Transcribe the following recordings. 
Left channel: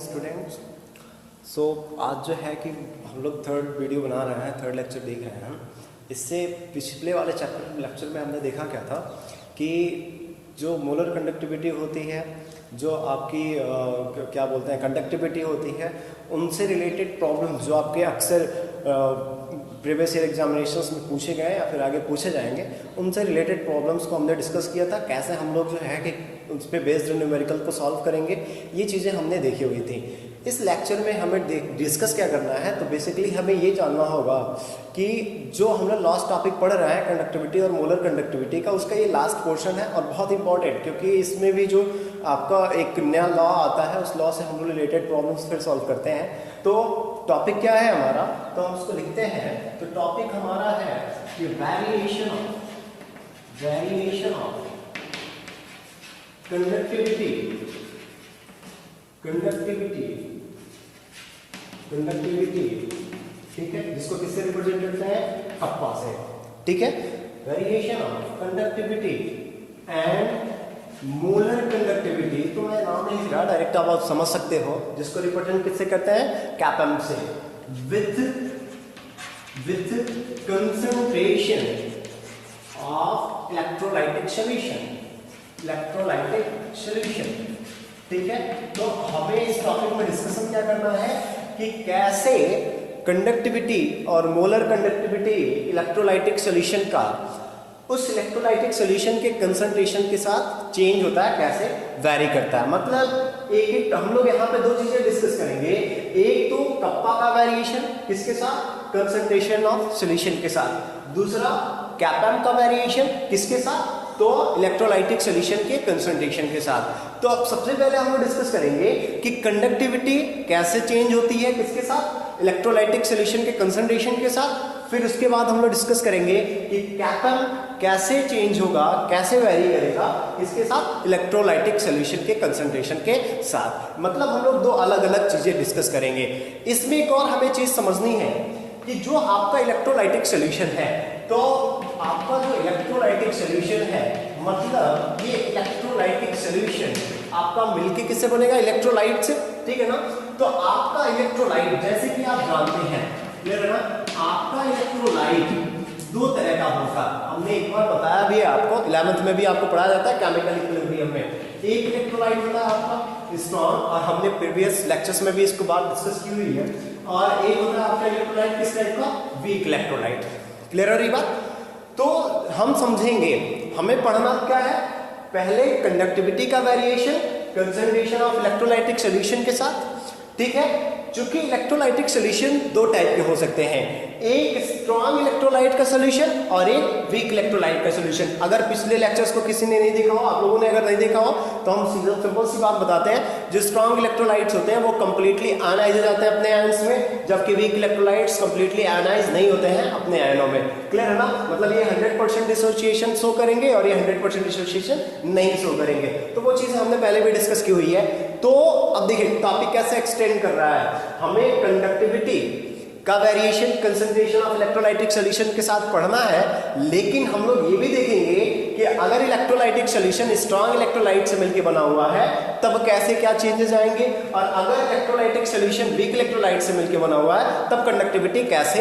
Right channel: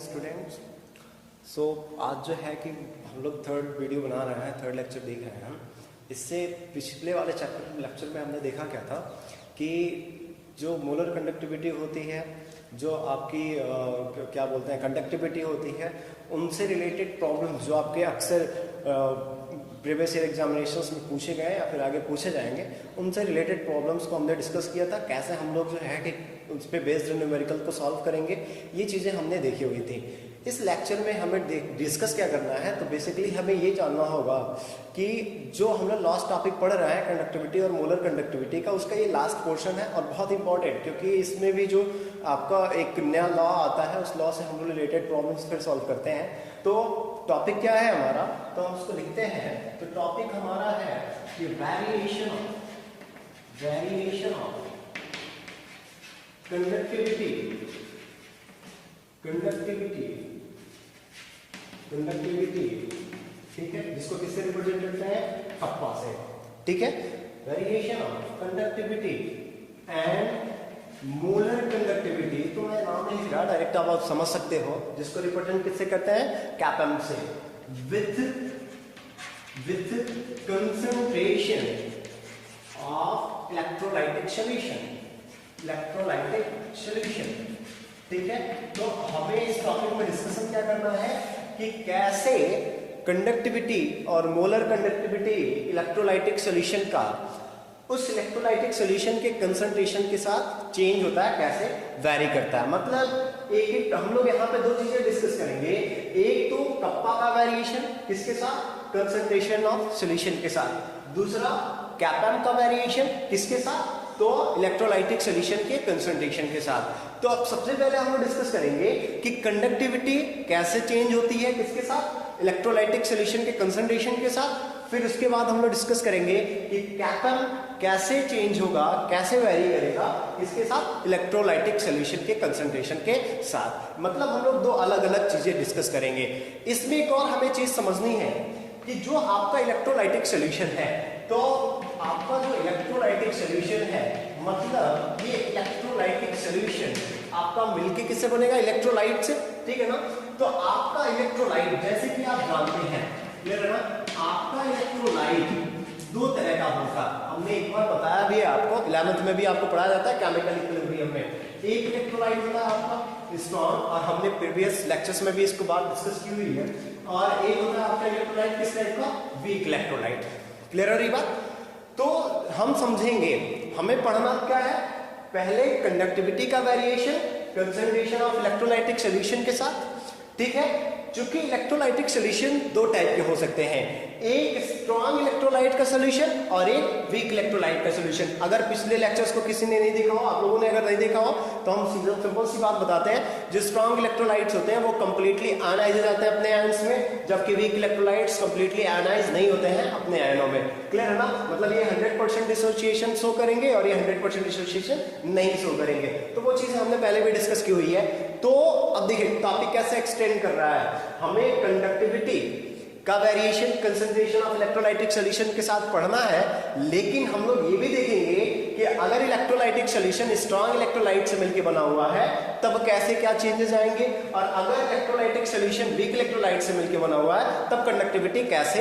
Students. सो आज जो है कि हम लोग थर्ड वीडियो बना रहे हैं, थर्ड लेक्चर देख रहे हैं। इससे पिछले वाले चैप्टर लेक्चर में हमने देखा क्या था कि जो मोलर कंडक्टिविटी होती है, जो आपकी क्या बोलते हैं कंडक्टिविटी होती है, उनसे रिलेटेड प्रॉब्लम्स जो आपके अक्सर प्रीवियस ईयर एग्जामिनेशंस में पूछे गए या फिर आगे पूछे जाएंगे, उनसे रिलेटेड प्रॉब्लम्स को हमने डिस्कस किया था। कैसे हम लोग जो है कि उस पर बेस्ड न्यूमेरिकल को सॉल्व करेंगे, ये चीज़ें हमने देखी हुई थी। इस लेक्चर में हमें डिस्कस क्या करना है, तो बेसिकली हमें ये जानना होगा कि जो हमने लास्ट टॉपिक पढ़ रहे हैं कंडक्टिविटी और मोलर कंडक्टिविटी का, उसका ये लास्ट पोर्शन है और बहुत इंपॉर्टेंट, क्योंकि इसमें भी जो आपका एक नया लॉ आता है, उस लॉ से हम लोग रिलेटेड प्रॉब्लम्स फिर सॉल्व करते हैं। तो टॉपिक क्या है हमारा, तो हम उसको लिखते हैं। तो टॉपिक हमारा है कि वेरिएशन ऑफ कंडक्टिविटी ठीक है, जिसको किससे रिप्रेजेंट करते हैं, कप्पा से। ठीक है, variation of conductivity and molar conductivity. तो मैं नाम नहीं लिख रहा, डायरेक्ट आप समझ सकते हो, जिसको रिप्रेजेंट किससे करते हैं, कैपम से, with concentration of electrolytic solution. ठीक है, तो हमें इस टॉपिक में डिस्कशन क्या करना है कि कैसे कंडक्टिविटी और मोलर कंडक्टिविटी इलेक्ट्रोलाइटिक सॉल्यूशन का उस इलेक्ट्रोलाइटिक सॉल्यूशन के कंसंट्रेशन के साथ चेंज होता है, कैसे वेरी करता है। मतलब एक हम लोग यहाँ पे दो चीजें डिस्कस करेंगे। एक तो कप्पा का वेरिएशन किसके साथ, कंसंट्रेशन ऑफ सॉल्यूशन के साथ। दूसरा कैपम का वेरिएशन किसके साथ, तो इलेक्ट्रोलाइटिक सॉल्यूशन के कंसंट्रेशन के साथ। तो अब सबसे पहले हम लोग डिस्कस करेंगे कि कंडक्टिविटी कैसे चेंज होती है, किसके साथ, इलेक्ट्रोलाइटिक सॉल्यूशन के कंसंट्रेशन के साथ। फिर उसके बाद हम लोग डिस्कस करेंगे कि कैपम कैसे चेंज होगा, कैसे वेरी करेगा, इसके साथ, इलेक्ट्रोलाइटिक सॉल्यूशन के कंसंट्रेशन के साथ। मतलब हम लोग दो अलग अलग चीजें डिस्कस करेंगे। इसमें एक और हमें चीज समझनी है कि जो आपका इलेक्ट्रोलाइटिक सॉल्यूशन है, तो आपका जो इलेक्ट्रोलाइटिक सॉल्यूशन है, मतलब ये इलेक्ट्रोलाइटिक सॉल्यूशन आपका मिलके किससे बनेगा, इलेक्ट्रोलाइट से। ठीक है ना, तो आपका इलेक्ट्रोलाइट जैसे कि आप जानते हैं, क्लियर है ना, आपका इलेक्ट्रोलाइट दो तरह का होगा। हमने एक बार बताया भी है आपको, 11th में भी आपको पढ़ाया जाता है केमिकल इक्विलिब्रियम में। एक इलेक्ट्रोलाइट होता है आपका स्ट्रॉन्ग, और हमने प्रीवियस लेक्चर्स में भी इसको बात डिस्कस की हुई है। और एक होता है आपका इलेक्ट्रोलाइट किस टाइप का, वीक इलेक्ट्रोलाइट। क्लियर है ये बात। तो हम समझेंगे, हमें पढ़ना क्या है, पहले कंडक्टिविटी का variation concentration of electrolytic solution के साथ। ठीक है, चूंकि इलेक्ट्रोलाइटिक सॉल्यूशन दो टाइप के हो सकते हैं, एक स्ट्रॉन्ग इलेक्ट्रोलाइट का सॉल्यूशन और एक वीक इलेक्ट्रोलाइट का सॉल्यूशन। अगर पिछले लेक्चर्स को किसी ने नहीं देखा हो, आप लोगों ने अगर नहीं देखा हो, तो हम सिंपल सी बात बताते हैं। जो स्ट्रॉन्ग इलेक्ट्रोलाइट्स होते हैं वो कंप्लीटली आयनाइज हो जाते हैं अपने आयन्स में, जबकि वीक इलेक्ट्रोलाइट्स कंप्लीटली आयनाइज नहीं होते हैं अपने आयनों में। क्लियर है ना, मतलब ये 100% डिसोसिएशन शो करेंगे और ये 100% डिसोसिएशन नहीं शो करेंगे। तो वो चीजें हमने पहले भी डिस्कस की हुई है। तो अब देखिए टॉपिक कैसे एक्सटेंड कर रहा है, हमें कंडक्टिविटी का variation concentration of electrolytic solution के साथ पढ़ना है, लेकिन हम लोग ये भी देखेंगे कि अगर इलेक्ट्रोलाइटिक सॉल्यूशन स्ट्रॉन्ग इलेक्ट्रोलाइट से मिलकर बना हुआ है, तब कैसे क्या चेंजेस आएंगे, और अगर इलेक्ट्रोलाइटिक सॉल्यूशन वीक इलेक्ट्रोलाइट से मिलकर बना हुआ है, तब कंडक्टिविटी कैसे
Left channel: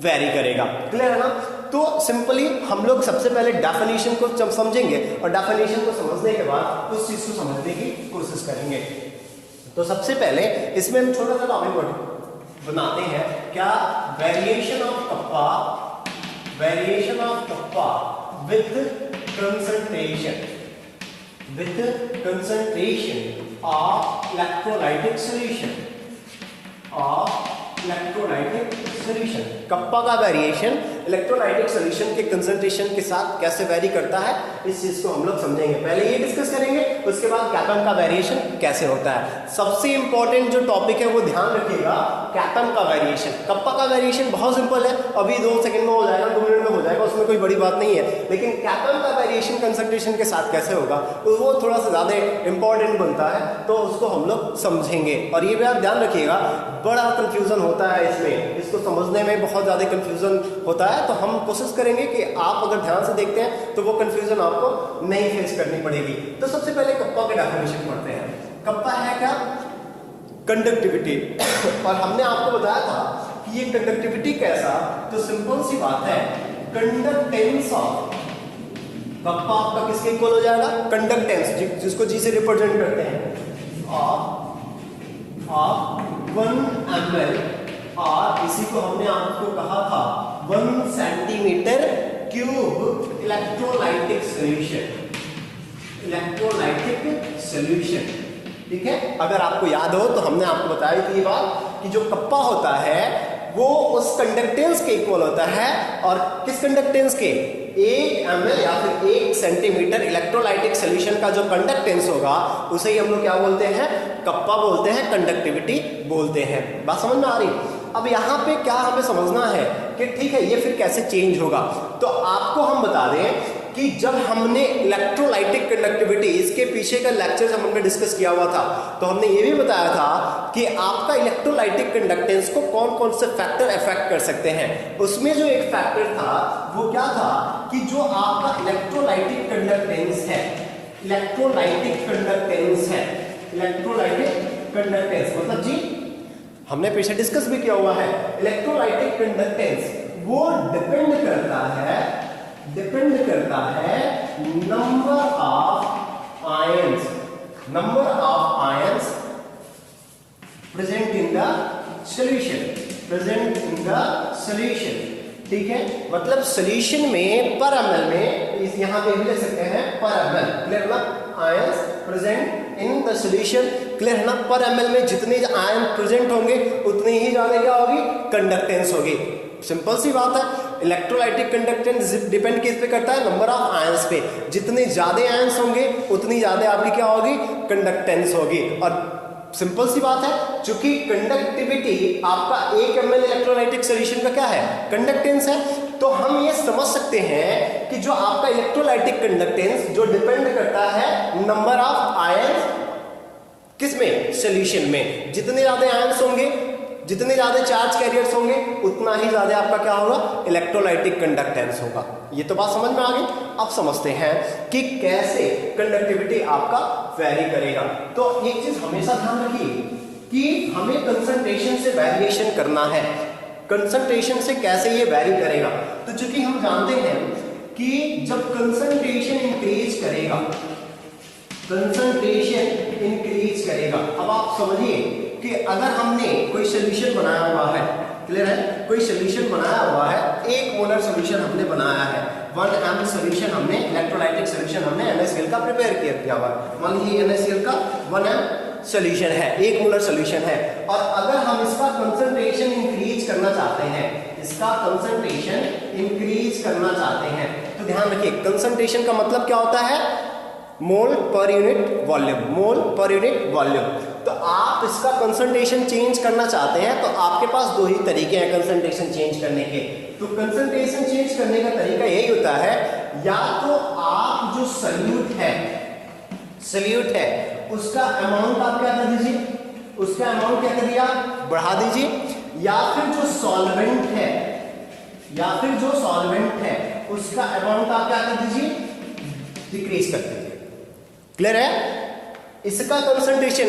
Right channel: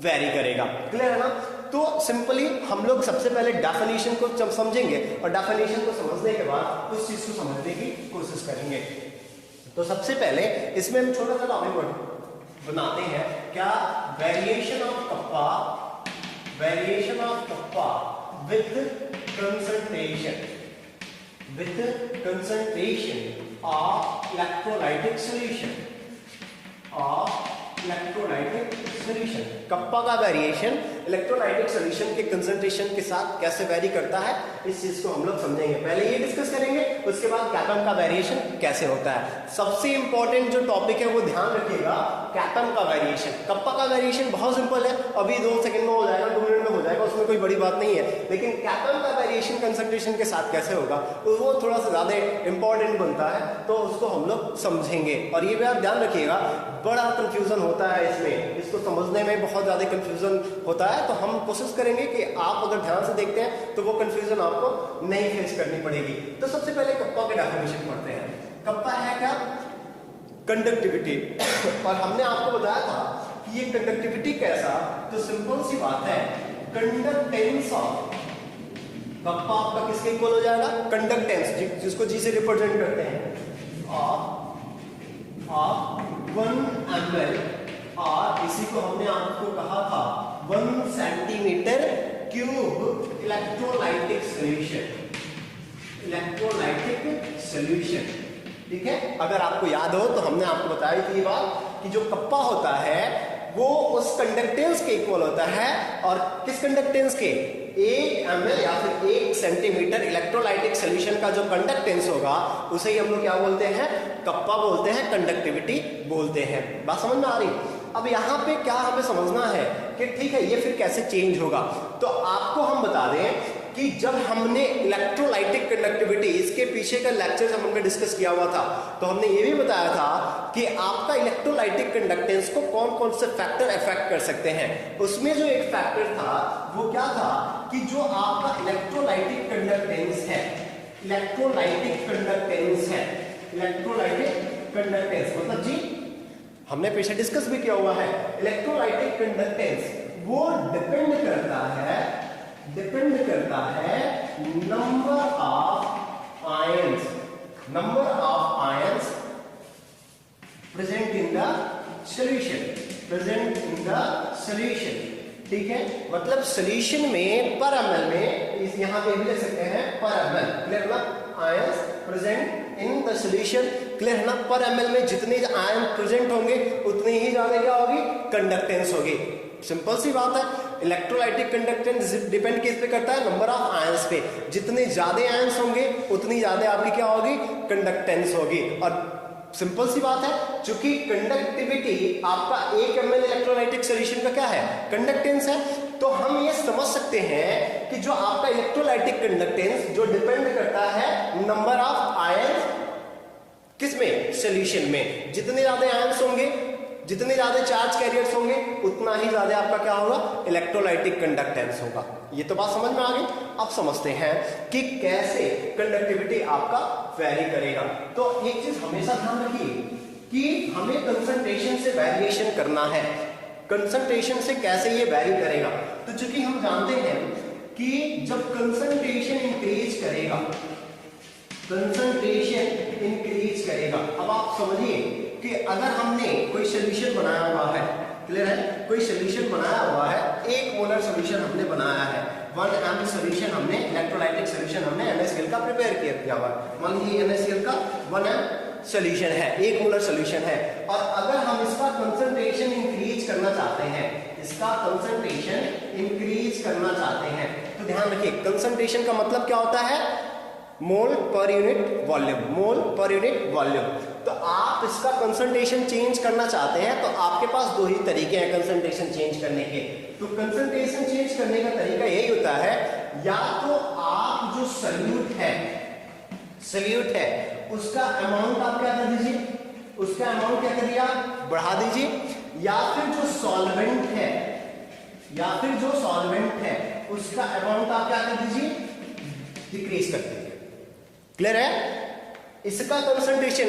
वेरी करेगा। क्लियर है ना। तो सिंपली हम लोग सबसे पहले डेफिनेशन को जब समझेंगे, और डेफिनेशन को समझने के बाद उस चीज को समझने की कोशिश करेंगे। तो सबसे पहले इसमें हम छोटा सा टॉपिक बनाते हैं, क्या, variation of kappa with concentration of electrolytic solution. Kappa का वेरिएशन इलेक्ट्रोलाइटिक सॉल्यूशन के कंसंट्रेशन के साथ कैसे वेरी करता है, इस चीज को हम लोग समझेंगे। पहले ये डिस्कस करेंगे, उसके बाद कैपम का वेरिएशन कैसे होता है। सबसे इंपॉर्टेंट जो टॉपिक है वो ध्यान रखिएगा, कैपम का वेरिएशन। कप्पा का वेरिएशन बहुत सिंपल है, अभी 2 सेकंड में हो जाएगा, 2 मिनट में हो जाएगा, उसमें कोई बड़ी बात नहीं है। लेकिन कैपम का वेरिएशन कंसंट्रेशन के साथ कैसे होगा, तो वो थोड़ा सा ज्यादा इंपॉर्टेंट बनता है, तो उसको हम लोग समझेंगे। और ये भी आप ध्यान रखिएगा, बड़ा कंफ्यूजन होता है इसमें, इसको समझने में बहुत ज्यादा कंफ्यूजन होता है। तो हम कोशिश करेंगे कि आप अगर ध्यान से देखते हैं तो वो कंफ्यूजन आपको नहीं फेस करनी पड़ेगी। तो सबसे पहले कप्पा के डेफिनेशन पढ़ते हैं। कप्पा है क्या, कंडक्टिविटी। और हमने आपको बताया था कि ये कंडक्टिविटी कैसा, तो सिंपल सी बात है, कंडक्टेंस ऑफ कप्पा आपका किसके इक्वल हो जाएगा, कंडक्टेंस जिसको जी से रिप्रेजेंट करते हैं, ऑफ 1 ml, और इसी को हमने आपको कहा था 1 centimetre cube electrolytic solution, electrolytic solution. ठीक है, अगर आपको याद हो तो हमने आपको बताई थी ये बात कि जो कप्पा होता है वो उस कंडक्टेंस के इक्वल होता है, और किस कंडक्टेंस के, 1 ml या फिर 1 सेंटीमीटर इलेक्ट्रोलाइटिक सॉल्यूशन का जो कंडक्टेंस होगा उसे ही हम लोग क्या बोलते हैं, कप्पा बोलते हैं, कंडक्टिविटी बोलते हैं। बात समझ में आ रही। अब यहाँ पे क्या हमें समझना है कि ठीक है ये फिर कैसे चेंज होगा, तो आपको हम बता दें कि जब हमने इलेक्ट्रोलाइटिक कंडक्टिविटी, इसके पीछे का लेक्चर हमने डिस्कस किया हुआ था, तो हमने ये भी बताया था कि आपका इलेक्ट्रोलाइटिक कंडक्टेंस को कौन कौन से फैक्टर अफेक्ट कर सकते हैं। उसमें जो एक फैक्टर था वो क्या था कि जो आपका इलेक्ट्रोलाइटिक कंडक्टेंस है, इलेक्ट्रोलाइटिक कंडक्टेंस है, इलेक्ट्रोलाइटिक कंडक्टेंस मतलब जी हमने पीछे डिस्कस भी किया हुआ है, इलेक्ट्रोलाइटिक कंडक्टेंस वो डिपेंड करता है number of ions, number of ions present in the solution, present in the solution. ठीक है, मतलब सॉल्यूशन में पर ml में, इस यहां पे भी लिख सकते हैं पर ml, क्लियर ना, ions present in the solution, clear है ना, पर ml में जितने आयन प्रेजेंट होंगे उतनी ही ज्यादा क्या होगी, कंडक्टेंस होगी। सिंपल सी बात है, इलेक्ट्रोलाइटिक कंडक्टेंस डिपेंड किस पे करता है, नंबर ऑफ आयंस पे, जितने ज्यादा आयंस होंगे उतनी ज्यादा आपकी क्या होगी, कंडक्टेंस होगी। और सिंपल सी बात है, चूंकि कंडक्टिविटी आपका 1 ml इलेक्ट्रोलाइटिक सॉल्यूशन का क्या है, कंडक्टेंस है, तो हम ये समझ सकते हैं कि जो आपका इलेक्ट्रोलाइटिक कंडक्टेंस जो डिपेंड करता है नंबर ऑफ आयंस किसमें, सॉल्यूशन में, जितने ज्यादा आयंस होंगे, जितने ज्यादा चार्ज कैरियर्स होंगे उतना ही ज्यादा आपका क्या होगा, इलेक्ट्रोलाइटिक कंडक्टेंस होगा। ये तो बात समझ में आ गई। अब समझते हैं कि कैसे कंडक्टिविटी आपका वेरी करेगा। तो एक चीज हमेशा ध्यान रखिए कि हमें कंसंट्रेशन से वेरिएशन करना है, कंसंट्रेशन से कैसे ये वेरी करेगा। तो चूंकि हम जानते हैं कि जब कंसंट्रेशन इंक्रीज करेगा, कंसंट्रेशन इंक्रीज करेगा, अब आप समझिए कि अगर हमने कोई सॉल्यूशन बनाया हुआ है, क्लियर है, कोई सॉल्यूशन बनाया हुआ है, 1 मोलर सॉल्यूशन हमने बनाया है, 1 ml सॉल्यूशन हमने, इलेक्ट्रोलाइटिक सॉल्यूशन हमने NaCl का प्रिपेयर किया हुआ, मान लीजिए NaCl का 1 ml सॉल्यूशन है, 1 मोलर सॉल्यूशन है, और अगर हम इसका कंसंट्रेशन इंक्रीज करना चाहते हैं, इसका कंसंट्रेशन इंक्रीज करना चाहते हैं, तो ध्यान रखिए कंसंट्रेशन का मतलब क्या होता है, मोल पर यूनिट वॉल्यूम, मोल पर यूनिट वॉल्यूम। तो आप इसका कंसंट्रेशन चेंज करना चाहते हैं तो आपके पास 2 ही तरीके हैं कंसंट्रेशन चेंज करने के। तो कंसंट्रेशन चेंज करने का तरीका यही होता है, या तो आप जो सॉल्यूट है उसका अमाउंट आप क्या कर दीजिए, उसका अमाउंट क्या कर दिया, बढ़ा दीजिए, या फिर जो सॉल्वेंट है उसका अमाउंट आप क्या कर दीजिए, डिक्रीज कर दीजिए। क्लियर है, इसका कंसंट्रेशन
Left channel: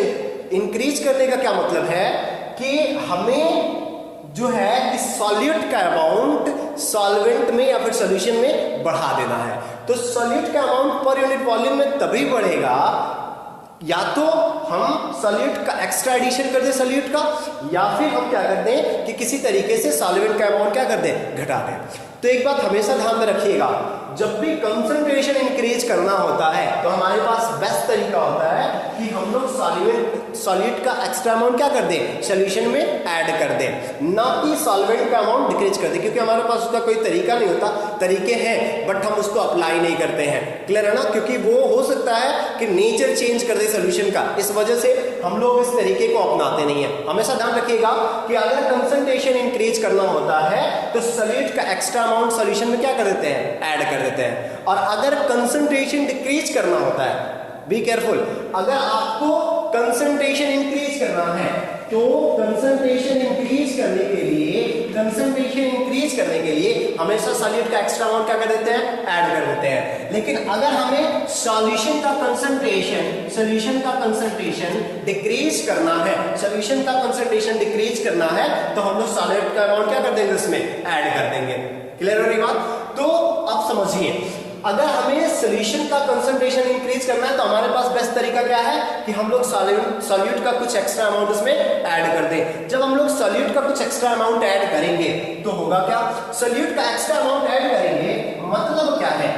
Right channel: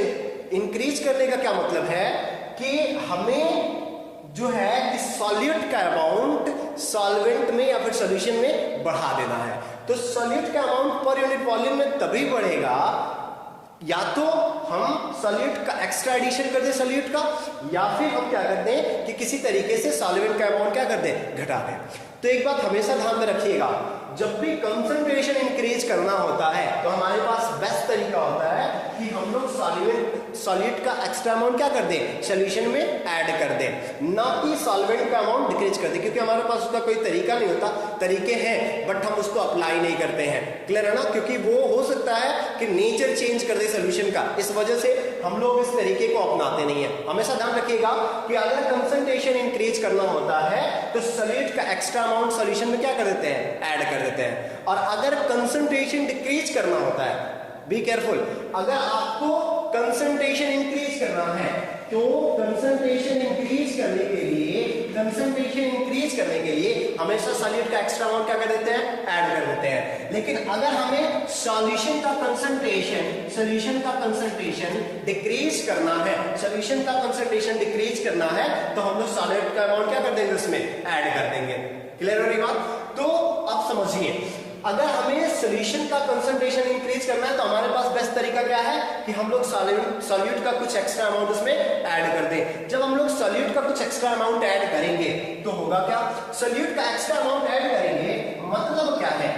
इंक्रीज करने का क्या मतलब है कि हमें जो है इस सॉल्यूट का अमाउंट सॉल्वेंट में या फिर सॉल्यूशन में बढ़ा देना है। तो सॉल्यूट का अमाउंट पर यूनिट वॉल्यूम में तभी बढ़ेगा या तो हम सॉल्यूट का एक्स्ट्रा एडिशन कर दें सॉल्यूट का, या फिर हम क्या कर दें कि किसी तरीके से सॉल्वेंट का अमाउंट क्या कर दें, घटा दें। तो एक बात हमेशा ध्यान में रखिएगा, जब भी कंसंट्रेशन इंक्रीज करना होता है तो हमारे पास बेस्ट तरीका होता है कि हम लोग सॉल्यूट का एक्स्ट्रा अमाउंट क्या कर दें, सॉल्यूशन में ऐड कर दें, ना कि सॉल्वेंट का अमाउंट डिक्रीज कर दें, क्योंकि हमारे पास उसका कोई तरीका नहीं होता, तरीके हैं बट हम उसको अप्लाई नहीं करते हैं। क्लियर है ना, क्योंकि वो हो सकता है कि नेचर चेंज कर दे सॉल्यूशन का, इस वजह से हम लोग इस तरीके को अपनाते नहीं है। हमेशा ध्यान रखिएगा कि अगर कंसंट्रेशन इंक्रीज करना होता है तो सॉल्यूट का एक्स्ट्रा अमाउंट सॉल्यूशन में क्या कर देते हैं, ऐड कर देते हैं, और अगर कंसंट्रेशन डिक्रीज करना होता है, बी केयरफुल, अगर आपको कंसंट्रेशन इंक्रीज करना है तो कंसंट्रेशन इंक्रीज करने के लिए हमेशा सॉल्यूट का एक्स्ट्रा अमाउंट क्या कर देते हैं, ऐड कर देते हैं। लेकिन अगर हमें सॉल्यूशन का कंसंट्रेशन डिक्रीज करना है, तो हम लोग सॉल्यूट का अमाउंट क्या कर देंगे, उसमें ऐड कर देंगे। क्लियर हो रही बात? तो अब समझिए, अगर हमें सॉल्यूशन का कंसंट्रेशन इंक्रीज करना है तो हमारे पास बेस्ट तरीका क्या है कि हम लोग सॉल्यूट का कुछ एक्स्ट्रा अमाउंट उसमें ऐड कर दें। जब हम लोग सॉल्यूट का कुछ एक्स्ट्रा अमाउंट ऐड करेंगे तो होगा क्या, सॉल्यूट का एक्स्ट्रा अमाउंट ऐड करेंगे मतलब क्या है,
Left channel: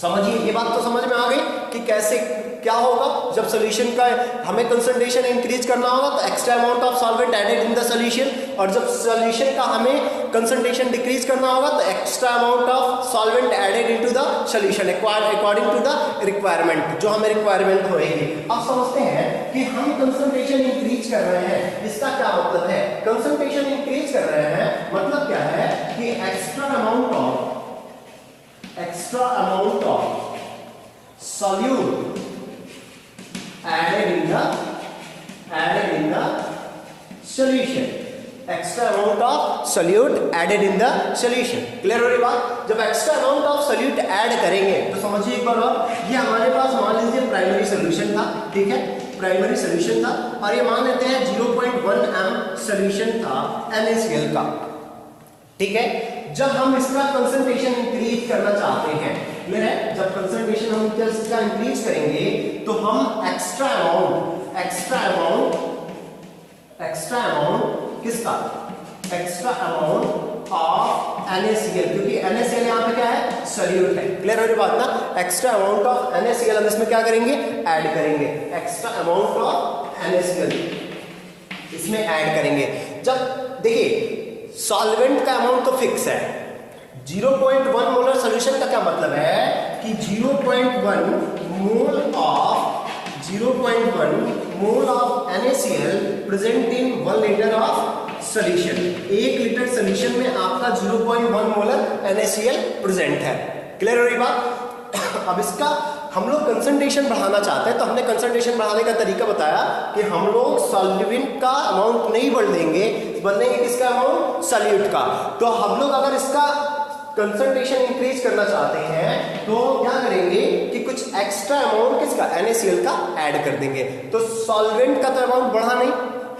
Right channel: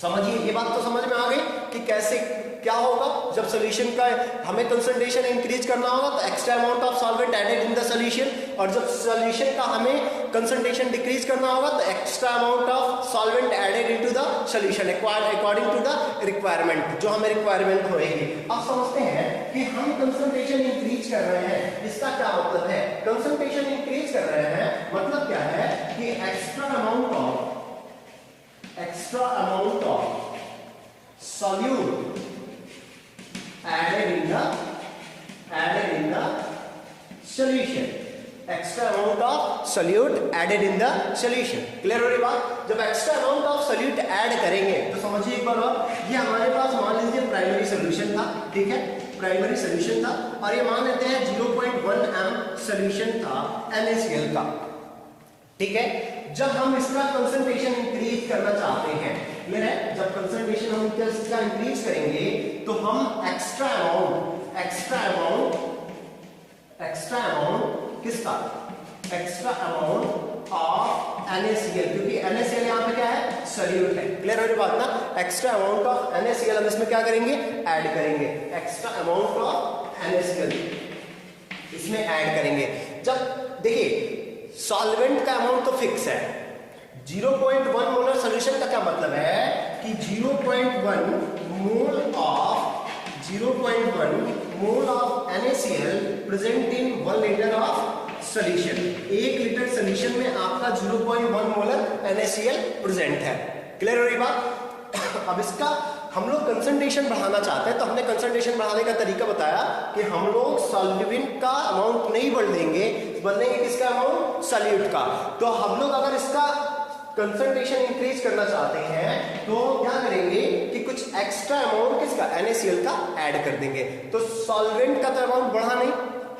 समझिए, ये बात तो समझ में आ गई कि कैसे क्या होगा। जब सॉल्यूशन का हमें कंसंट्रेशन इंक्रीज करना होगा तो extra amount of solvent added in the solution, और जब सॉल्यूशन का हमें कंसंट्रेशन डिक्रीज करना होगा तो extra amount of solvent added into the solution according to the requirement, जो हमें रिक्वायरमेंट होगी। अब समझते हैं कि हम कंसंट्रेशन इंक्रीज कर रहे हैं, इसका क्या मतलब है। कंसंट्रेशन इंक्रीज कर रहे हैं मतलब क्या है कि extra amount of solute added in the solution, extra amount of solute added in the solution. Clear हो रही बात? जब extra amount of solute add करेंगे तो समझिए एक बार और, ये हमारे पास मान लीजिए प्राइमरी सॉल्यूशन था, ठीक है, प्राइमरी सॉल्यूशन था, और ये मान लेते हैं 0.1 m सॉल्यूशन था NaCl का, ठीक है। जब हम इसका कंसंट्रेशन इंक्रीज करना चाहते हैं, क्लियर है, जब कंसंट्रेशन हम इसका इंक्रीज करेंगे तो हम एक्स्ट्रा अमाउंट किसका, एक्स्ट्रा अमाउंट ऑफ NaCl, क्योंकि NaCl यहाँ पे क्या है, सॉल्यूट है। क्लियर हो रही बात ना? एक्स्ट्रा अमाउंट ऑफ NaCl हम इसमें क्या करेंगे, ऐड करेंगे, एक्स्ट्रा अमाउंट ऑफ NaCl इसमें ऐड करेंगे। जब देखिए सॉल्वेंट का अमाउंट तो फिक्स है, 0.1 मोलर सॉल्यूशन का क्या मतलब है कि 0.1 mole of NaCl present in 1 litre of solution. 1 litre solution में आपका 0.1 मोलर NaCl प्रेजेंट है। क्लियर हो रही बात? अब इसका हम लोग कंसंट्रेशन बढ़ाना चाहते हैं तो हमने कंसंट्रेशन बढ़ाने का तरीका बताया कि हम लोग सॉल्वेंट का अमाउंट नहीं बढ़ेंगे, बढ़ेंगे किसका अमाउंट, सॉल्यूट का। तो हम लोग अगर इसका कंसंट्रेशन इंक्रीज करना चाहते हैं तो क्या करेंगे कि कुछ एक्स्ट्रा अमाउंट किसका, NaCl का ऐड कर देंगे। तो सॉल्वेंट का तो अमाउंट बढ़ा नहीं,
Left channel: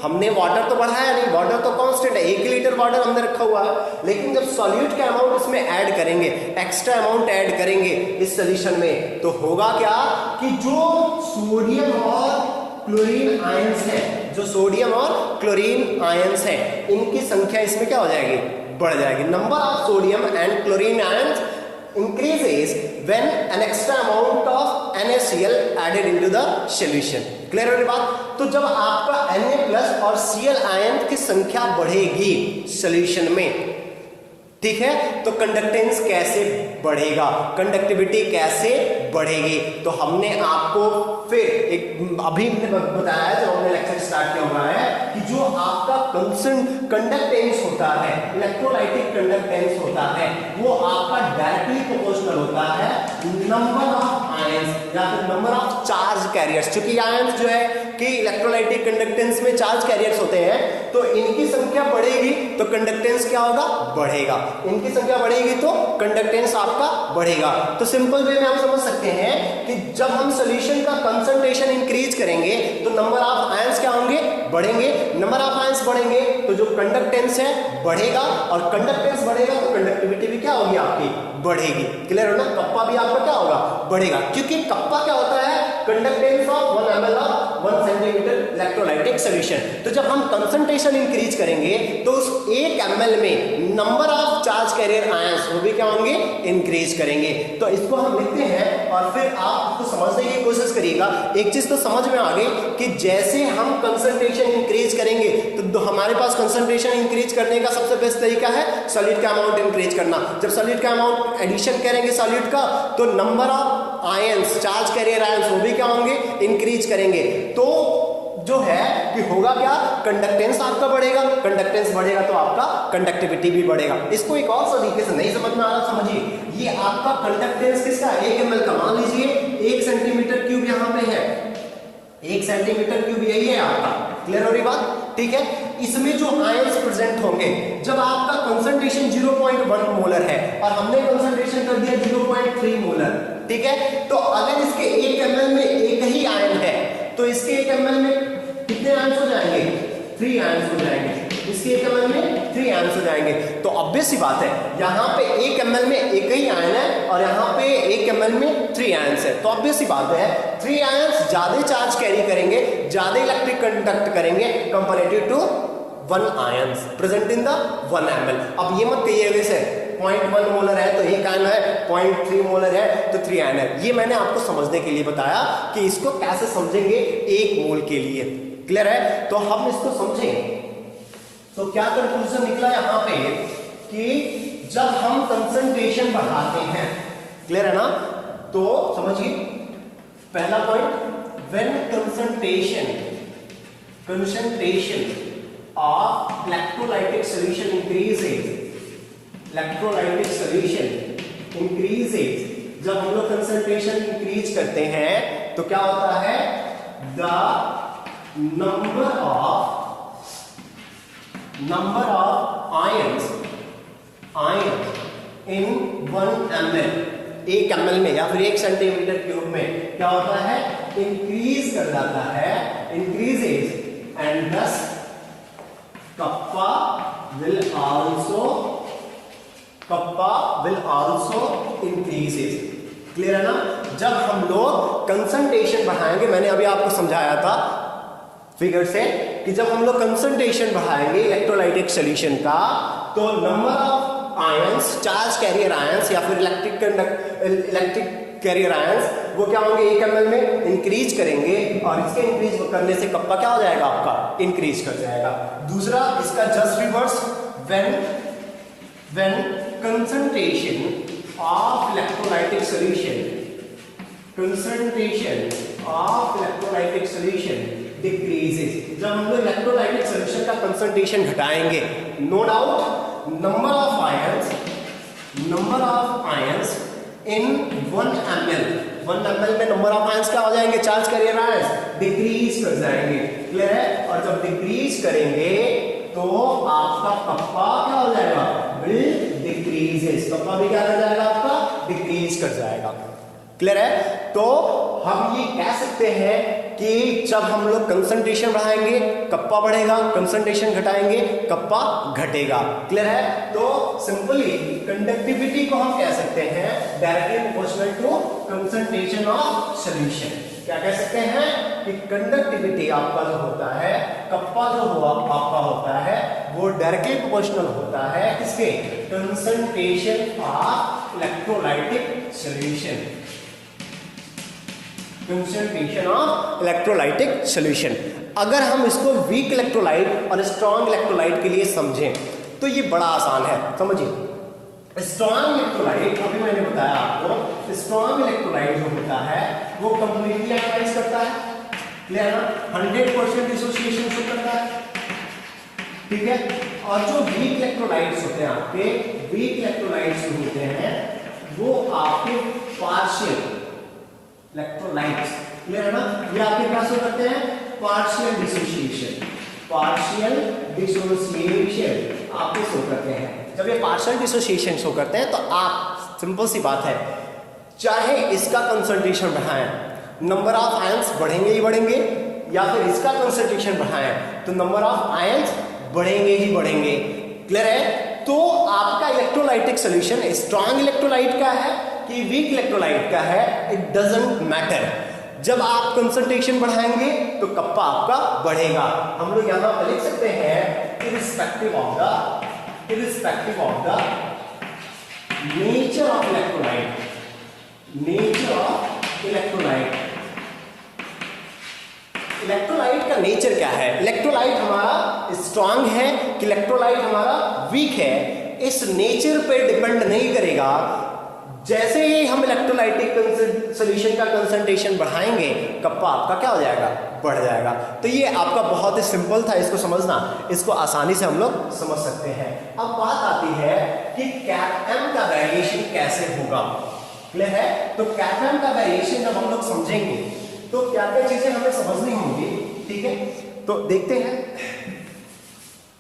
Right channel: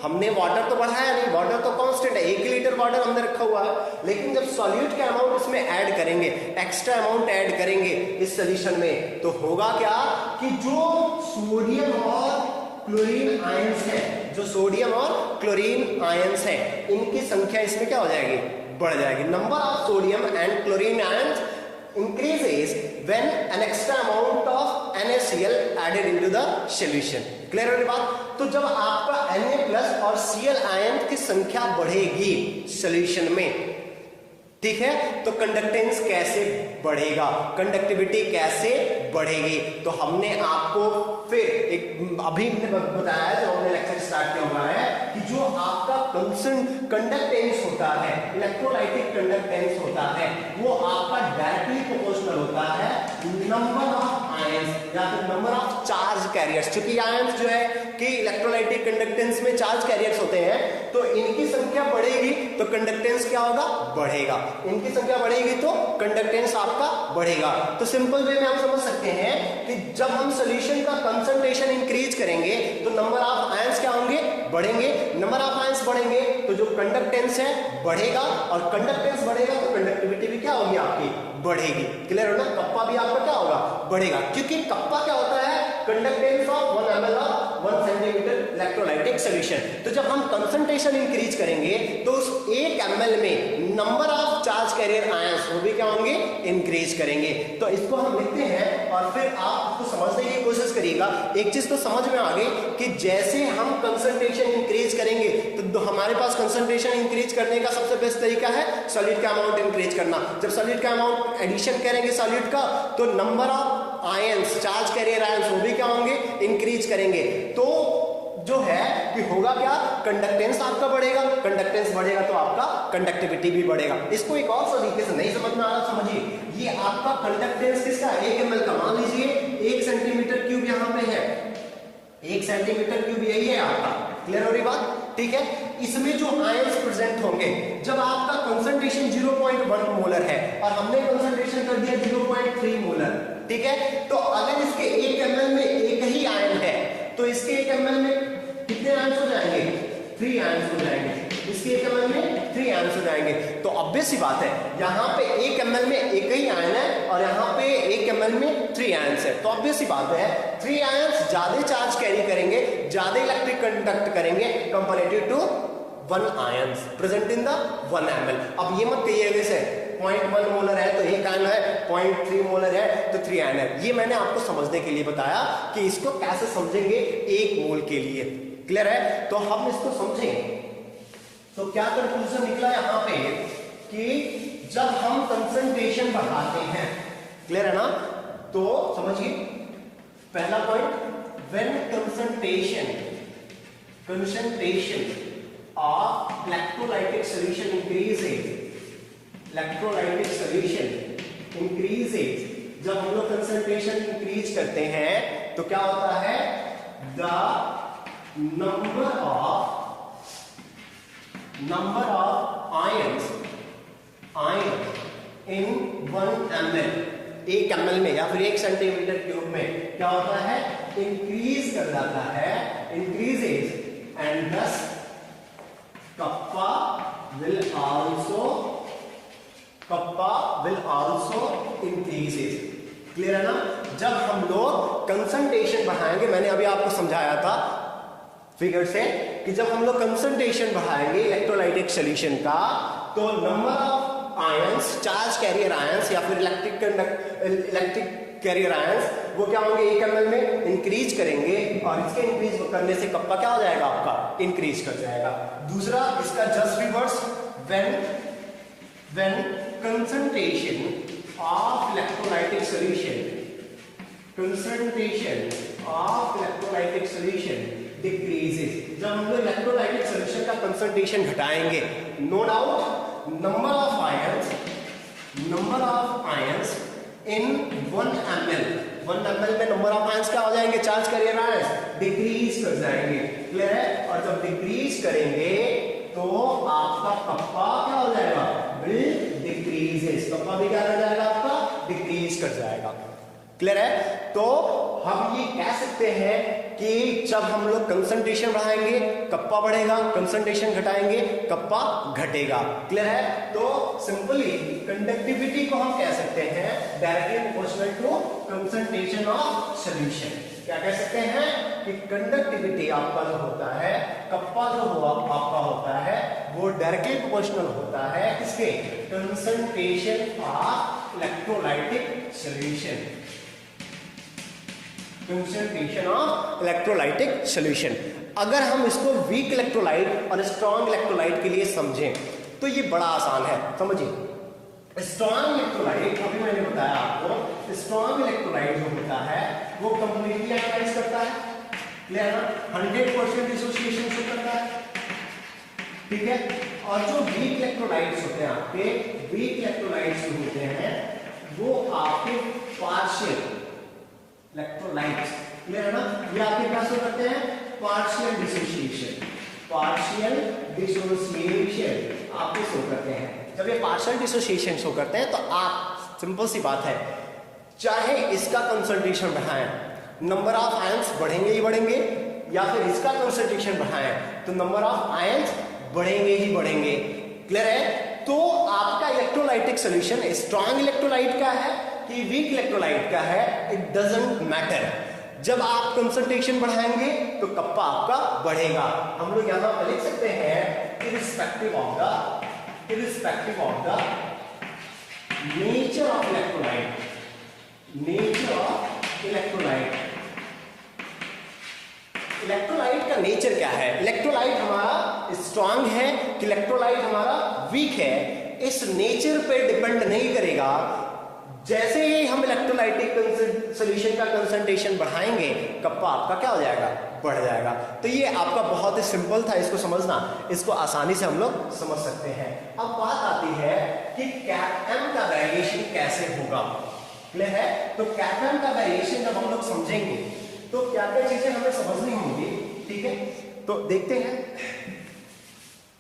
हमने वाटर तो बढ़ाया नहीं, वाटर तो कांस्टेंट है, 1 लीटर वाटर हमने रखा हुआ है। लेकिन जब सॉल्यूट का अमाउंट इसमें ऐड करेंगे, एक्स्ट्रा अमाउंट ऐड करेंगे इस सॉल्यूशन में, तो होगा क्या कि जो सोडियम और क्लोरीन आयंस हैं, इनकी संख्या इसमें क्या हो जाएगी, बढ़ जाएगी। Number of sodium and chlorine ions increases when an extra amount of NaCl added into the solution। Clear हो रही बात? तो जब आपका Na+ और Cl आयन की संख्या बढ़ेगी सॉल्यूशन में, ठीक है, तो कंडक्टेंस कैसे बढ़ेगा, कंडक्टिविटी कैसे बढ़ेगी। तो हमने आपको फिर एक अभी बताया, जो हमने लेक्चर स्टार्ट किया हुआ है, कि जो आपका कंडक्टेंस होता है, इलेक्ट्रोलाइटिक कंडक्टेंस होता है, वो आपका डायरेक्टली प्रोपोर्शनल होता है नंबर ऑफ आयंस या फिर नंबर ऑफ चार्ज कैरियर्स। चूंकि आयंस जो है कि इलेक्ट्रोलाइटिक कंडक्टेंस में चार्ज कैरियर्स होते हैं, तो इनकी संख्या बढ़ेगी तो कंडक्टेंस क्या होगा, बढ़ेगा। इनकी संख्या बढ़ेगी तो कंडक्टेंस आपका बढ़ेगा। तो सिंपल वे में हम समझ सकते हैं कि जब हम सॉल्यूशन का कंसंट्रेशन इंक्रीज करेंगे तो नंबर ऑफ आयंस क्या होंगे, बढ़ेंगे। नंबर ऑफ आयंस बढ़ेंगे तो जो कंडक्टेंस है बढ़ेगा, और कंडक्टेंस बढ़ेगा तो कंडक्टिविटी भी क्या होगी, आपकी बढ़ेगी। क्लियर हो ना? कप्पा भी आपका क्या होगा, बढ़ेगा, क्योंकि कप्पा क्या होता है, conductance of 1 ml of 1 centimetre electrolytic solution. तो जब हम कंसंट्रेशन इंक्रीज करेंगे तो उस 1 ml में number of charge carrier ions वो भी क्या होंगे, इंक्रीज करेंगे। तो इसको हम लिखते हैं और फिर आप इसको समझने की कोशिश करिएगा। एक चीज तो समझ में आ गई कि जैसे हम कंसंट्रेशन इंक्रीज करेंगे तो हमारे पास कंसंट्रेशन इंक्रीज करने का सबसे बेस्ट तरीका है सॉल्यूट का अमाउंट इंक्रीज करना। जब सॉल्यूट का अमाउंट एडिशन करेंगे सॉल्यूट का, तो number of ions, charge carrier ions वो भी क्या होंगे, इंक्रीज करेंगे। तो जो है कि होगा क्या, कंडक्टेंस आपका बढ़ेगा, कंडक्टेंस बढ़ेगा तो आपका कंडक्टिविटी भी बढ़ेगा। इसको एक और तरीके से नहीं समझ में आ रहा, समझिए, ये आपका कंडक्टेंस किसका, 1 ml का। मान लीजिए 1 सेंटीमीटर क्यूब यहाँ पे है, 1 सेंटीमीटर क्यूब यही है आपका, क्लियर हो रही बात? ठीक है, इसमें जो आयंस प्रेजेंट होंगे, जब आपका कंसंट्रेशन 0.1 मोलर है और हमने कंसंट्रेशन कर दिया 0.3 मोलर, ठीक है, तो अगर इसके 1 ml में एक ही आयन है तो इसके 1 ml में कितने आयंस हो जाएंगे? 3 आयंस हो जाएंगे। इसके 1 ml में 3 आयंस हो जाएंगे। तो ऑब्वियस सी बात है, यहाँ पे 1 ml में एक ही आयन है और यहाँ पे 1 ml में 3 आयंस है, तो ऑब्वियस सी बात है 3 आयंस ज्यादा चार्ज कैरी करेंगे, ज्यादा इलेक्ट्रिक कंडक्ट करेंगे comparative to 1 ions present in the 1 ml। अब ये मत कहिए वैसे 0.1 मोलर है तो एक आयन है, 0.3 मोलर है तो 3 आयन है। ये मैंने आपको समझने के लिए बताया कि इसको कैसे समझेंगे 1 मोल के लिए। क्लियर है? तो हम इसको समझें तो क्या कंक्लूजन निकला यहां पे कि जब हम कंसंट्रेशन बढ़ाते हैं, क्लियर है ना, तो समझिए पहला point, when concentration of electrolytic solution increases, जब हम लोग कंसंट्रेशन इंक्रीज करते हैं तो क्या होता है, the number of ions in 1 ml, 1 ml में या फिर 1 सेंटीमीटर क्यूब में क्या होता है, इंक्रीज कर जाता है, increases, and thus kappa will also increases। Clear है ना? जब हम लोग कंसंट्रेशन बढ़ाएंगे, मैंने अभी आपको समझाया था फिगर से कि जब हम लोग कंसंट्रेशन बढ़ाएंगे इलेक्ट्रोलाइटिक सॉल्यूशन का, तो number of ions, charge carrier ions या फिर इलेक्ट्रिक कैरियर आयंस, वो क्या होंगे, 1 ml में इंक्रीज करेंगे और इसके इंक्रीज करने से कप्पा क्या हो जाएगा, आपका इंक्रीज कर जाएगा। दूसरा इसका just reverse, when concentration of electrolytic solution decreases, जब हम लोग इलेक्ट्रोलाइटिक सॉल्यूशन का कंसंट्रेशन घटाएंगे, no doubt number of ions in 1 ml में नंबर ऑफ आयंस क्या हो जाएंगे, चार्ज कैरियर आयंस डिक्रीज कर जाएंगे। क्लियर है? और जब डिक्रीज करेंगे तो आपका कप्पा क्या हो जाएगा, विल डिक्रीजेस, कप्पा भी क्या कर जाएगा, आपका डिक्रीज कर जाएगा। क्लियर है? तो हम ये कह सकते हैं कि जब हम लोग कंसंट्रेशन बढ़ाएंगे कप्पा बढ़ेगा, कंसंट्रेशन घटाएंगे कप्पा घटेगा। क्लियर है? तो सिंपली कंडक्टिविटी को हम कह सकते हैं directly proportional to concentration of solution. क्या कह सकते हैं कि कंडक्टिविटी आपका जो होता है, कप्पा जो आपका होता है, वो डायरेक्टली प्रोपोर्शनल होता है किसके, concentration of electrolytic solution. Concentration of electrolytic solution. अगर हम इसको वीक इलेक्ट्रोलाइट और स्ट्रॉन्ग इलेक्ट्रोलाइट के लिए समझें तो ये बड़ा आसान है। समझिए स्ट्रॉन्ग इलेक्ट्रोलाइट, अभी मैंने बताया आपको, स्ट्रॉन्ग इलेक्ट्रोलाइट जो होता है वो कंप्लीटली आयनाइज करता है, क्लियर ना, 100% डिसोसिएशन शो करता है, ठीक है। और जो वीक इलेक्ट्रोलाइट्स होते हैं आपके, वीक इलेक्ट्रोलाइट्स जो होते हैं वो आपके पार्शियल इलेक्ट्रोलाइट्स, क्लियर है ना, ये आपके पास हो करते हैं पार्शियल डिसोसिएशन आपको शो करते हैं। जब ये पार्शियल डिसोसिएशन शो करते हैं तो आप, सिंपल सी बात है, चाहे इसका कंसंट्रेशन बढ़ाएं, नंबर ऑफ आयंस बढ़ेंगे ही बढ़ेंगे, या फिर इसका कंसंट्रेशन बढ़ाएं तो नंबर ऑफ आयंस बढ़ेंगे ही बढ़ेंगे। क्लियर है? तो आपका इलेक्ट्रोलाइटिक सॉल्यूशन स्ट्रॉन्ग इलेक्ट्रोलाइट का है कि वीक इलेक्ट्रोलाइट का है, इट डजंट मैटर। जब आप कंसंट्रेशन बढ़ाएंगे तो कप्पा आपका बढ़ेगा। हम लोग यहां पर लिख सकते हैं irrespective of the nature of electrolyte, electrolyte का नेचर क्या है, इलेक्ट्रोलाइट हमारा स्ट्रांग है कि इलेक्ट्रोलाइट हमारा वीक है, इस नेचर पे डिपेंड नहीं करेगा। जैसे ही हम इलेक्ट्रोलाइटिक सॉल्यूशन का कंसंट्रेशन बढ़ाएंगे कप्पा आपका क्या हो जाएगा, बढ़ जाएगा। तो ये आपका बहुत ही सिंपल था, इसको समझना, इसको आसानी से हम लोग समझ सकते हैं। अब बात आती है कि कैटएम का वेरिएशन कैसे होगा। क्लियर है? तो कैटएम का वेरिएशन जब हम लोग समझेंगे तो क्या क्या चीजें हमें समझनी होंगी, ठीक है। तो देखते हैं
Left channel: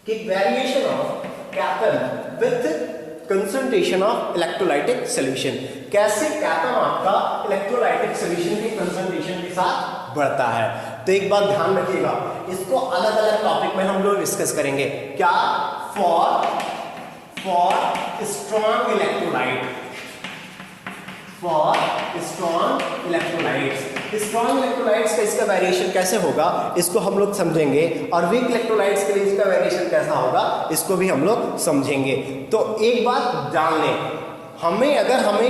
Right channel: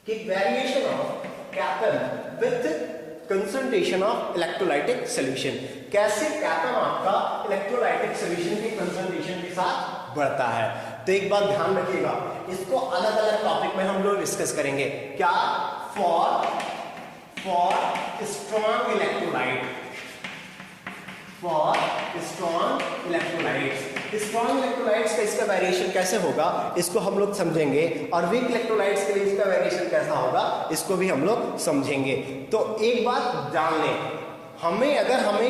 कि वेरिएशन ऑफ कैपन with concentration of electrolytic solution, कैसे कैपन आपका इलेक्ट्रोलाइटिक सॉल्यूशन के कंसंट्रेशन के साथ बढ़ता है। तो एक बात ध्यान रखिएगा, इसको अलग अलग टॉपिक में हम लोग डिस्कस करेंगे। क्या? For strong electrolyte, for strong electrolytes. Strong electrolytes का इसका वेरिएशन कैसे होगा इसको हम लोग समझेंगे, और वीक इलेक्ट्रोलाइट्स के लिए इसका वेरिएशन कैसा होगा इसको भी हम लोग समझेंगे। तो एक बात जान लें, हमें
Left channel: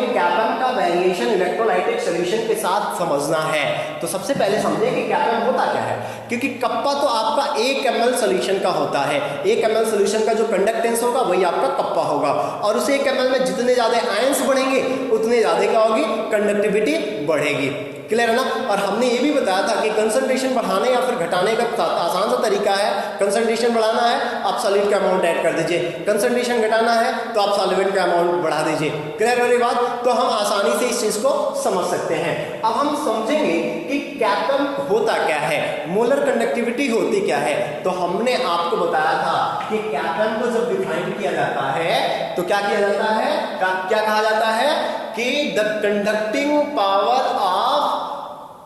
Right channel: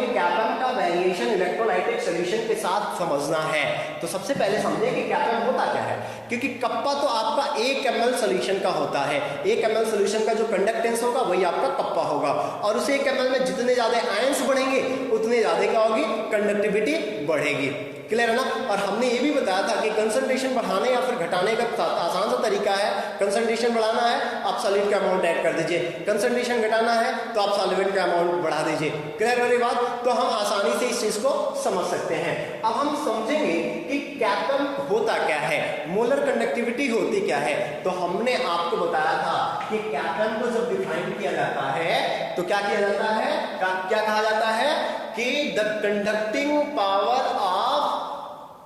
कैपन का वेरिएशन इलेक्ट्रोलाइटिक सॉल्यूशन के साथ समझना है तो सबसे पहले समझें कि कैपन होता क्या है। क्योंकि कप्पा तो आपका 1 ml सॉल्यूशन का होता है, 1 ml सॉल्यूशन का जो कंडक्टेंस होगा वही आपका कप्पा होगा, और उस 1 ml में जितने ज्यादा आयंस बढ़ेंगे उतने ज्यादा क्या होगी, कंडक्टिविटी बढ़ेगी। क्लियर है ना। और हमने ये भी बताया था कि कंसंट्रेशन बढ़ाने या फिर घटाने का आसान सा तरीका है, कंसंट्रेशन बढ़ाना है आप सॉलिड का अमाउंट ऐड कर दीजिए, कंसंट्रेशन घटाना है तो आप सॉल्वेंट का अमाउंट बढ़ा दीजिए। क्लियर वाली बात, तो हम आसानी से इस चीज को समझ सकते हैं। अब हम समझेंगे कि कैपन होता क्या है, मोलर कंडक्टिविटी होती क्या है। तो हमने आपको बताया था कि कैपन को जब डिफाइन किया जाता है तो क्या किया जाता है, क्या कहा जाता है कि the conducting power of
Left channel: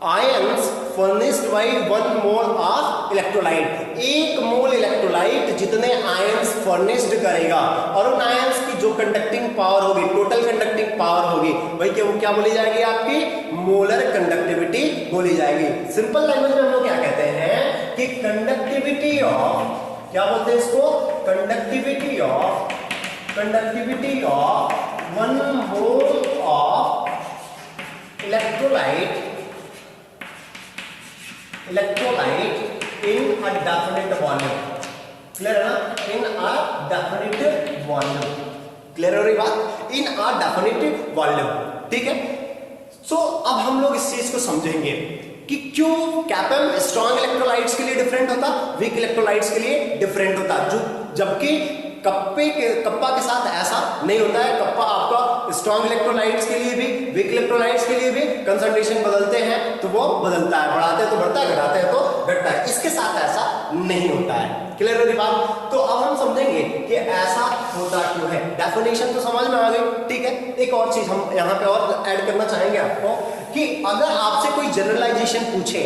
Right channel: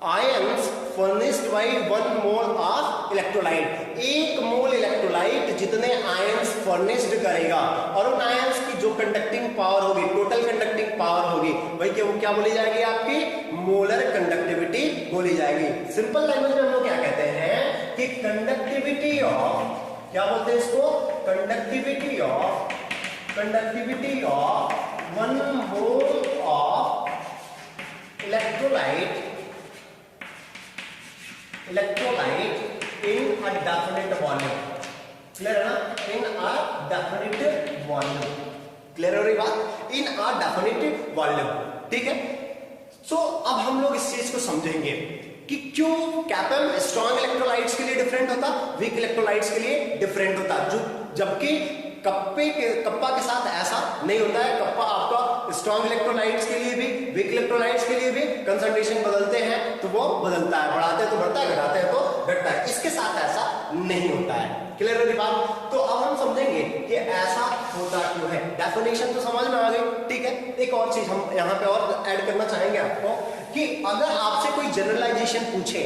ions furnished bye 1 mole of electrolyte. 1 mole electrolyte जितने आयंस फर्निश्ड करेगा और उन आयंस की जो कंडक्टिंग पावर होगी, टोटल कंडक्टिंग पावर होगी, भाई क्या वो क्या बोली जाएगी, आपकी मोलर कंडक्टिविटी बोली जाएगी। सिंपल लैंग्वेज में हम लोग क्या कहते हैं कि कंडक्टिविटी ऑफ, क्या बोलते हैं इसको, conductivity of 1 mole of electrolyte in a definite volume। Clear है ना, in a definite volume। Clear हो रही बात, in a definite volume। ठीक है। सो अब हम लोग इस चीज को समझेंगे कि क्यों कैपन स्ट्रॉन्ग इलेक्ट्रोलाइट्स के लिए डिफरेंट होता, वीक इलेक्ट्रोलाइट्स के लिए डिफरेंट होता, जो जबकि कप्पा के साथ ऐसा नहीं होता है। कप्पा आपका स्ट्रॉन्ग इलेक्ट्रोलाइट्स के लिए भी, वीक इलेक्ट्रोलाइट्स के लिए भी कंसंट्रेशन बदलते हैं तो वो बदलता है, बढ़ाते हैं तो बढ़ता है, घटाते हैं तो घटता है। इसके साथ ऐसा नहीं होता है। क्लियर है बात। तो अब हम समझेंगे कि ऐसा होता क्यों है। डेफिनेशन तो समझ में आ गई, ठीक है। एक और चीज हम यहाँ पे और ऐड करना चाहेंगे आपको कि अगर आपसे कोई जनरलाइजेशन पूछे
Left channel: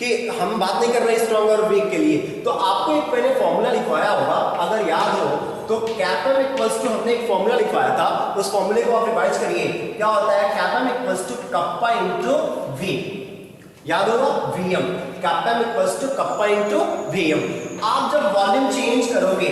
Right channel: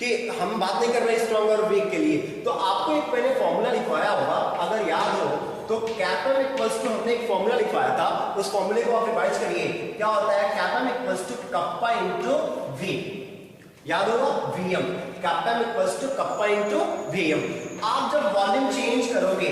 कि हम बात नहीं कर रहे स्ट्रॉन्ग और वीक के लिए, तो आपको एक मैंने फॉर्मूला लिखवाया होगा, अगर याद हो तो कैपन इक्वल्स टू, हमने एक फॉर्मूला लिखवाया था, उस फॉर्मूले को आप रिवाइज करिए। क्या होता है, कैपन equals to kappa into V, याद होगा वीएम, कैपन equals to kappa into VM. आप जब वॉल्यूम चेंज करोगे,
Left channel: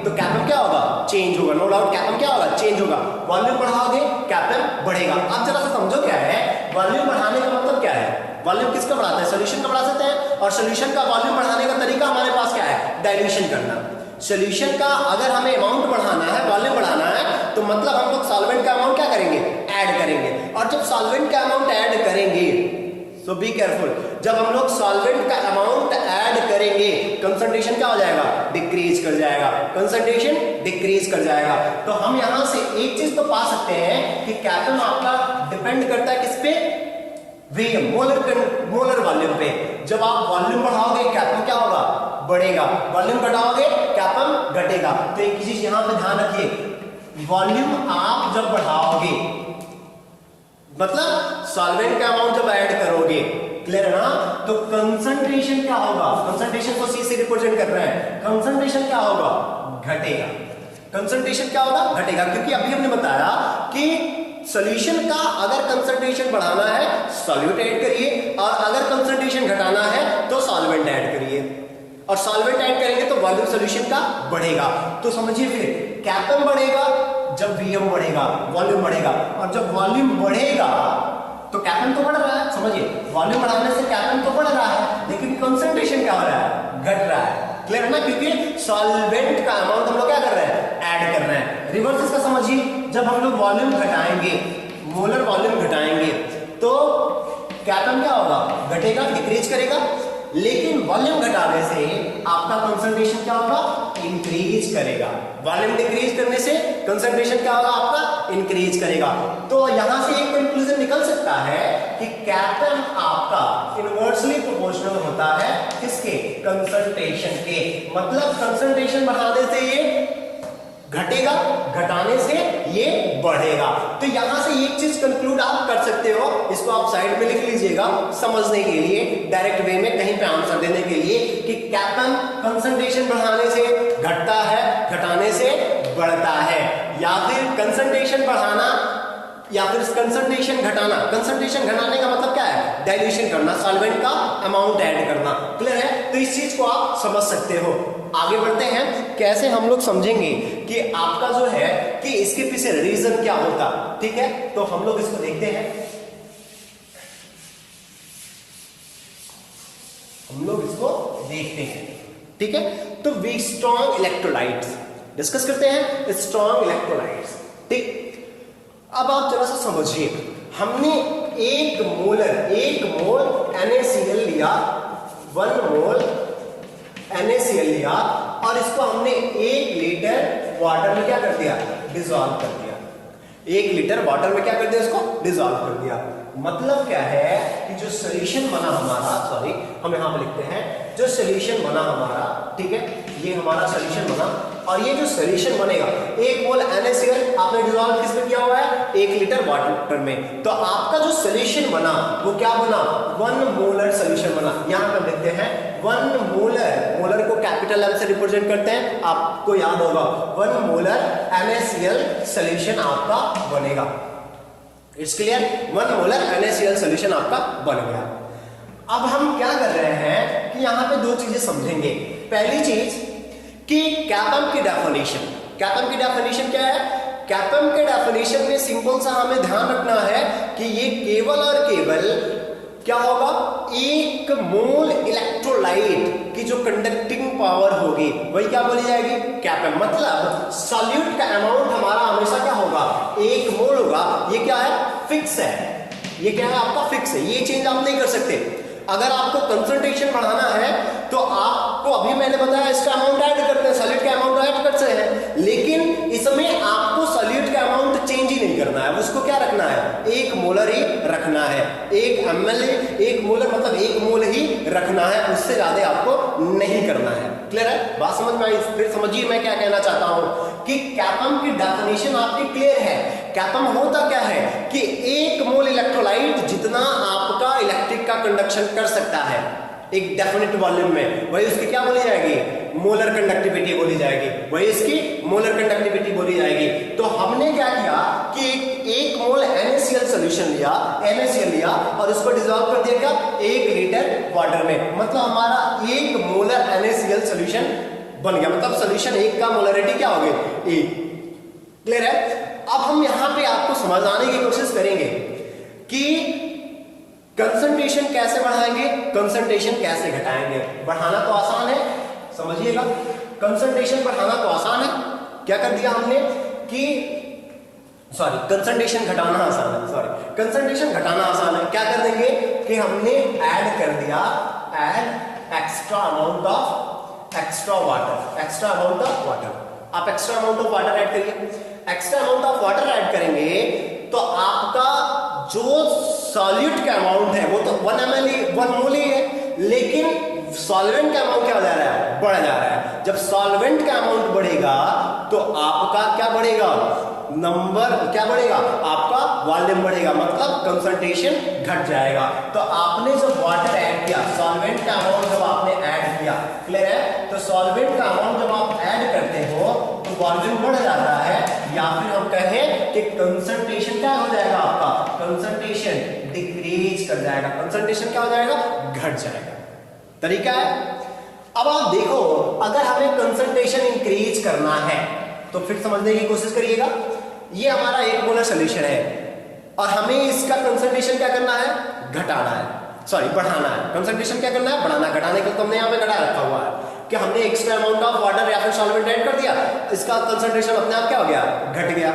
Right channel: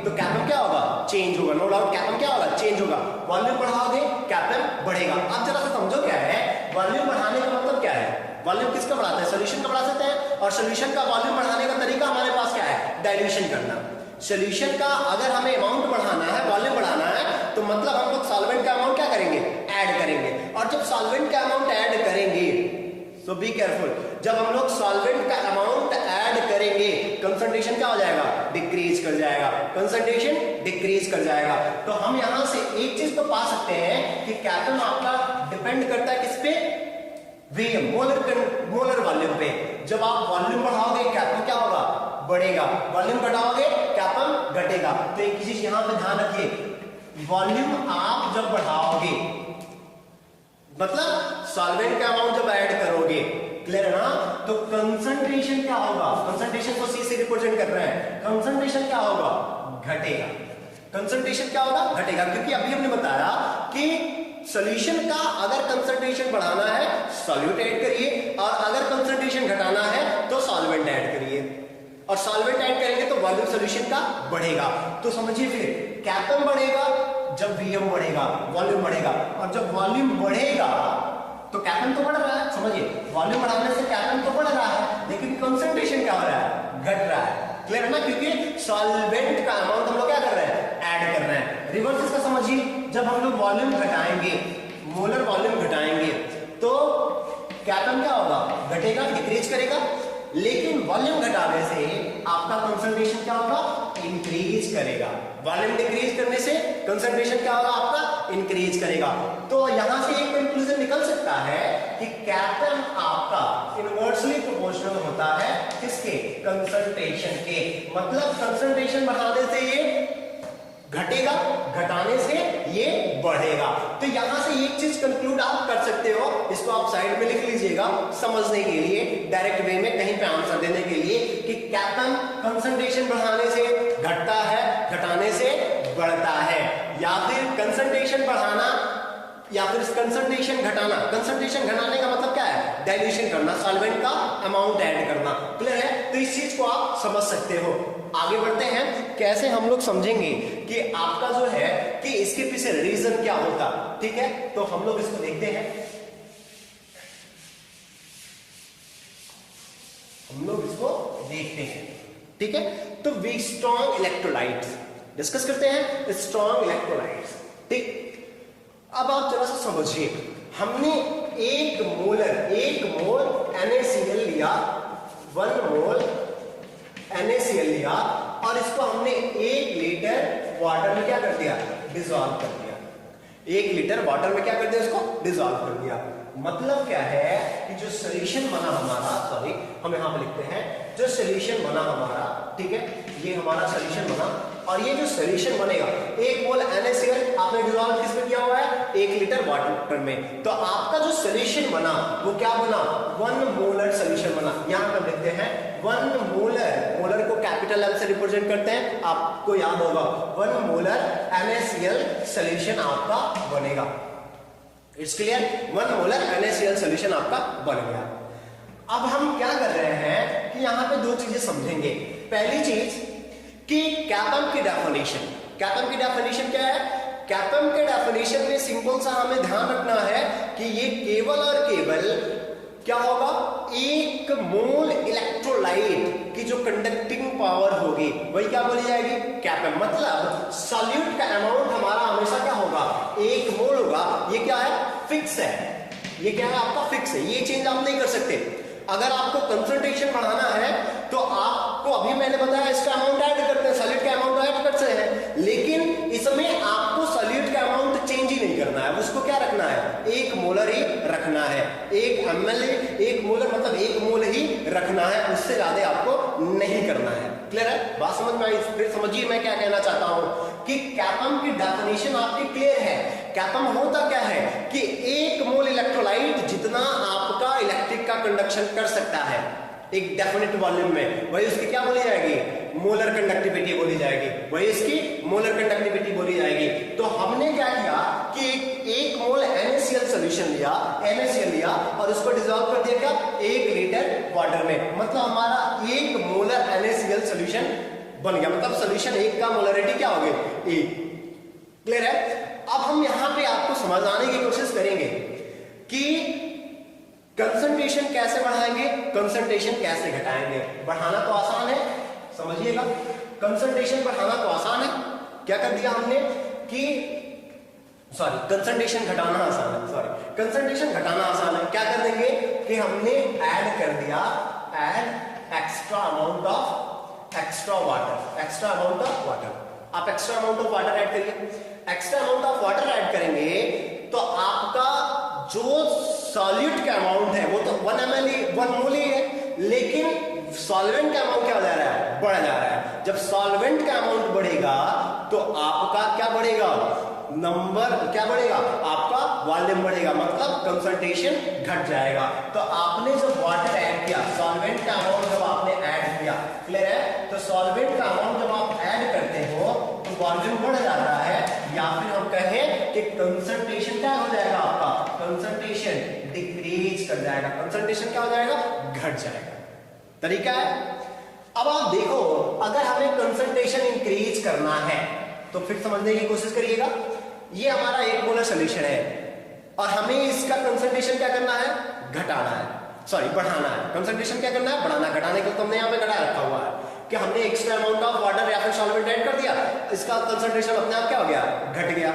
तो कैपन क्या होगा, चेंज होगा। नो डाउट कैपन क्या होगा, चेंज होगा। वॉल्यूम बढ़ाओगे कैपन बढ़ेगा। आप जरा सा समझो क्या है वॉल्यूम बढ़ाने का मतलब, क्या है वॉल्यूम किसका बढ़ाता है, सोल्यूशन का बढ़ा सकते हैं, और सोल्यूशन का वॉल्यूम बढ़ाने का तरीका हमारे पास क्या है, डाइल्यूशन करना। सोल्यूशन का अगर हमें अमाउंट बढ़ाना है, वॉल्यूम बढ़ाना है, तो मतलब हम लोग सॉल्वेंट का अमाउंट क्या करेंगे, ऐड करेंगे। और जब सॉल्वेंट का अमाउंट ऐड करेंगे, सो बी केयरफुल, जब हम लोग सॉल्वेंट का अमाउंट ऐड करेंगे कंसंट्रेशन क्या हो जाएगा, डिक्रीज कर जाएगा, कंसंट्रेशन डिक्रीज कर जाएगा। तो हम यहां से एक चीज तो पा सकते हैं कि कैपन आपका डिपेंड करता है किस पे, वीएम, मोलर वॉल्यूम पे। जब आप वॉल्यूम बढ़ाओगे कैपन क्या होगा, बढ़ेगा, वॉल्यूम घटाओगे कैपन घटेगा। तो एक चीज यहां पे ध्यान रखिए, वॉल्यूम आप जब बढ़ाओगे मतलब सॉल्वेंट का अमाउंट जब ऐड करोगे, क्लियर है ना, तो कंसंट्रेशन क्या होगा, कंसंट्रेशन को सी से रिप्रेजेंट कर रहे हैं, कंसंट्रेशन क्या होगा, घटेगा। कंसंट्रेशन क्या होगा, घटेगा, क्योंकि अभी हमने बताया कि सॉल्यूशन का अगर कंसंट्रेशन बढ़ाना है सॉल्यूट ऐड करिए, और अगर कंसंट्रेशन घटाना है तो सॉल्वेंट ऐड करिए, और सॉल्वेंट ऐड करेंगे तो वॉल्यूम सॉल्यूशन का बढ़ेगा। तो समझिए फिर कैपन बढ़ेगा जब वीएम बढ़ेगा, वॉल्यूम बढ़ेगा, और जब वॉल्यूम बढ़ेगा तो कैपन तो बढ़ रहा है। समझिए वॉल्यूम बढ़ाने से कैपन तो बढ़ रहा है, लेकिन कंसंट्रेशन क्या हो रहा है, घट रहा है। क्लियर है ना, क्योंकि सॉल्वेंट का अमाउंट हम लोग क्या कर रहे हैं, ऐड कर रहे हैं। रिवर्स इसका समझिए, जब हम लोग वॉल्यूम घटाएंगे, मोलर वॉल्यूम घटाएंगे, तो कैपन क्या होगा, घटेगा, डिक्रीज करेगा। लेकिन वॉल्यूम घटाने से आपका कंसंट्रेशन क्या होगा, इंक्रीज करेगा। वॉल्यूम डिक्रीज करने से कंसंट्रेशन क्या होगा आपका, इंक्रीज करेगा। तो यहां से एक कंक्लूजन निकल सकता है कि कैपम आपका इनवर्सली प्रोपोर्शनल होता है किसके, कंसंट्रेशन के। मतलब कंसंट्रेशन बढ़ाने से ये घटेगा, घटाने से ये बढ़ेगा। तो यहां से एक चीज कंक्लूड आप कर सकते हो, इसको आप साइड में लिख लीजिएगा समझने के लिए, डायरेक्ट वे में कहीं पे आंसर देने के लिए, कि कैपम कंसंट्रेशन बढ़ाने से घटता है, घटाने से बढ़ता है, या फिर कंसंट्रेशन बढ़ाना या फिर कंसंट्रेशन घटाना। कंसंट्रेशन घटाने का मतलब क्या है, डाइल्यूशन करना, सॉल्वेंट का अमाउंट ऐड करना। क्लियर है? तो इस चीज को आप समझ सकते हो। आगे बढ़ते हैं, कैसे हम लोग समझेंगे कि आपका जो है कि इसके पीछे रीजन क्या होता। ठीक है, तो हम लोग इसको देखते हैं। हम लोग इसको देखते हैं। ठीक है, तो वी स्ट्रॉन्ग इलेक्ट्रोलाइट्स डिस्कस करते हैं, स्ट्रॉन्ग इलेक्ट्रोलाइट्स। ठीक, अब आप जरा सा समझिए, हमने एक मोल NaCl लिया, 1 मोल NaCl लिया, और इसको हमने 1 लीटर वाटर में क्या कर दिया, डिसॉल्व कर दिया। 1 लीटर वाटर में क्या कर दिया, इसको डिसॉल्व कर दिया। मतलब क्या है कि जो सोल्यूशन बना हमारा, सॉरी हम यहां पर लिखते हैं, जो सोल्यूशन बना हमारा, ठीक है, ये हमारा सोल्यूशन बना, और ये जो सोल्यूशन बनेगा, 1 मोल NaCl आपने डिसॉल्व किसमें किया हुआ है, 1 लीटर वाटर में। तो आपका जो सोल्यूशन बना वो क्या बना, 1 मोलर सोल्यूशन बना। यहां पर लिखते हैं 1 मोलर, मोलर को कैपिटल M से रिप्रेजेंट करते हैं, आपको याद होगा 1 मोलर NaCl सोल्यूशन आपका बनेगा। It's clear, 1 molar NaCl solution आपका बन गया। अब हम क्या कर रहे हैं कि यहां पे 2 चीजें समझेंगे। पहली चीज कि कैपम की डेफिनेशन, कैपम की डेफिनेशन क्या है, कैपम के डेफिनेशन में सिंपल सा हमें ध्यान रखना है कि ये केवल और केवल क्या होगा, 1 मोल इलेक्ट्रोलाइट की जो कंडक्टिंग पावर होगी वही क्या बोली जाएगी, कैपम। मतलब सॉल्यूट का अमाउंट हमारा हमेशा क्या होगा, 1 मोल होगा। ये क्या है, फिक्स है, ये क्या है आपका फिक्स है, ये चेंज आप नहीं कर सकते। अगर आपको कंसंट्रेशन बढ़ाना है तो आपको, अभी मैंने बताया, इसका अमाउंट ऐड करते हैं, सॉल्यूट का अमाउंट ऐड करते हैं, लेकिन इसमें आपको सॉल्यूट का अमाउंट चेंज ही नहीं करना है, उसको क्या रखना है, 1 मोलर ही रखना है। 1 ml, 1 मोलर मतलब 1 मोल ही रखना है, उससे ज्यादा आपको नहीं करना है। क्लियर है, बात समझ में आई? फिर समझिए मैं क्या कहना चाहता हूं कि कैपम की डेफिनेशन आपकी क्लियर है। कैपम होता क्या है कि 1 मोल इलेक्ट्रोलाइट जितना आपका इलेक्ट्रिक का कंडक्शन कर सकता है एक डेफिनेट वॉल्यूम में, वही उसकी क्या बोली जाएगी, मोलर कंडक्टिविटी बोली जाएगी, वही इसकी मोलर कंडक्टिविटी बोली जाएगी। तो हमने क्या किया कि 1 मोल NaCl सोल्यूशन लिया, NaCl लिया, और इसको डिसॉल्व कर दिया क्या, 1 लीटर वाटर में। मतलब हमारा 1 मोलर NaCl सोल्यूशन बन गया। मतलब सोल्यूशन 1 का मोलरिटी क्या हो गई, 1। क्लियर है? अब हम यहां पे आपको समझाने की कोशिश करेंगे कि कंसंट्रेशन कैसे बढ़ाएंगे, कंसंट्रेशन कैसे घटाएंगे। बढ़ाना तो आसान है, समझिएगा, कंसंट्रेशन बढ़ाना तो आसान है। क्या कर दिया हमने कि सॉरी कंसंट्रेशन घटाना आसान है, सॉरी कंसंट्रेशन घटाना आसान है। क्या कर देंगे कि हमने ऐड कर दिया, add extra amount of extra water, extra amount of water. आप extra amount of water add करिए। Extra amount of water add करेंगे तो आपका जो सॉल्यूट का अमाउंट है वो तो 1 ml ही, 1 मोल ही है, लेकिन सॉल्वेंट का अमाउंट क्या हो जा रहा है, बढ़ जा रहा है। जब सॉल्वेंट का अमाउंट बढ़ेगा तो आपका क्या बढ़ेगा, नंबर क्या बढ़ेगा, आपका वॉल्यूम बढ़ेगा, मतलब कंसंट्रेशन घट जाएगा। तो आपने जो वाटर ऐड किया, सॉल्वेंट का अमाउंट जब आपने ऐड किया, क्लियर है, तो सॉल्वेंट का अमाउंट जब आप ऐड करते हो तो वॉल्यूम बढ़ जाता है, या फिर हम कहें कि कंसंट्रेशन क्या हो जाएगा, आपका कंसंट्रेशन डिक्रीज कर जाएगा, कंसंट्रेशन क्या हो जाएगा, घट जाएगा। तरीका है। अब आप देखो, अगर हमें कंसंट्रेशन इंक्रीज करना है तो फिर समझने की कोशिश करिएगा। ये हमारा 1 मोलर सोल्यूशन है और हमें इसका कंसंट्रेशन क्या करना है, घटाना है, सॉरी बढ़ाना है। कंसंट्रेशन क्या करना है, बढ़ाना। घटाने को तो हमने यहाँ पे घटा रखा हुआ है कि हमने एक्स्ट्रा अमाउंट ऑफ वाटर या फिर सॉल्वेंट ऐड कर दिया, इसका कंसंट्रेशन अपने आप क्या हो गया, घट गया।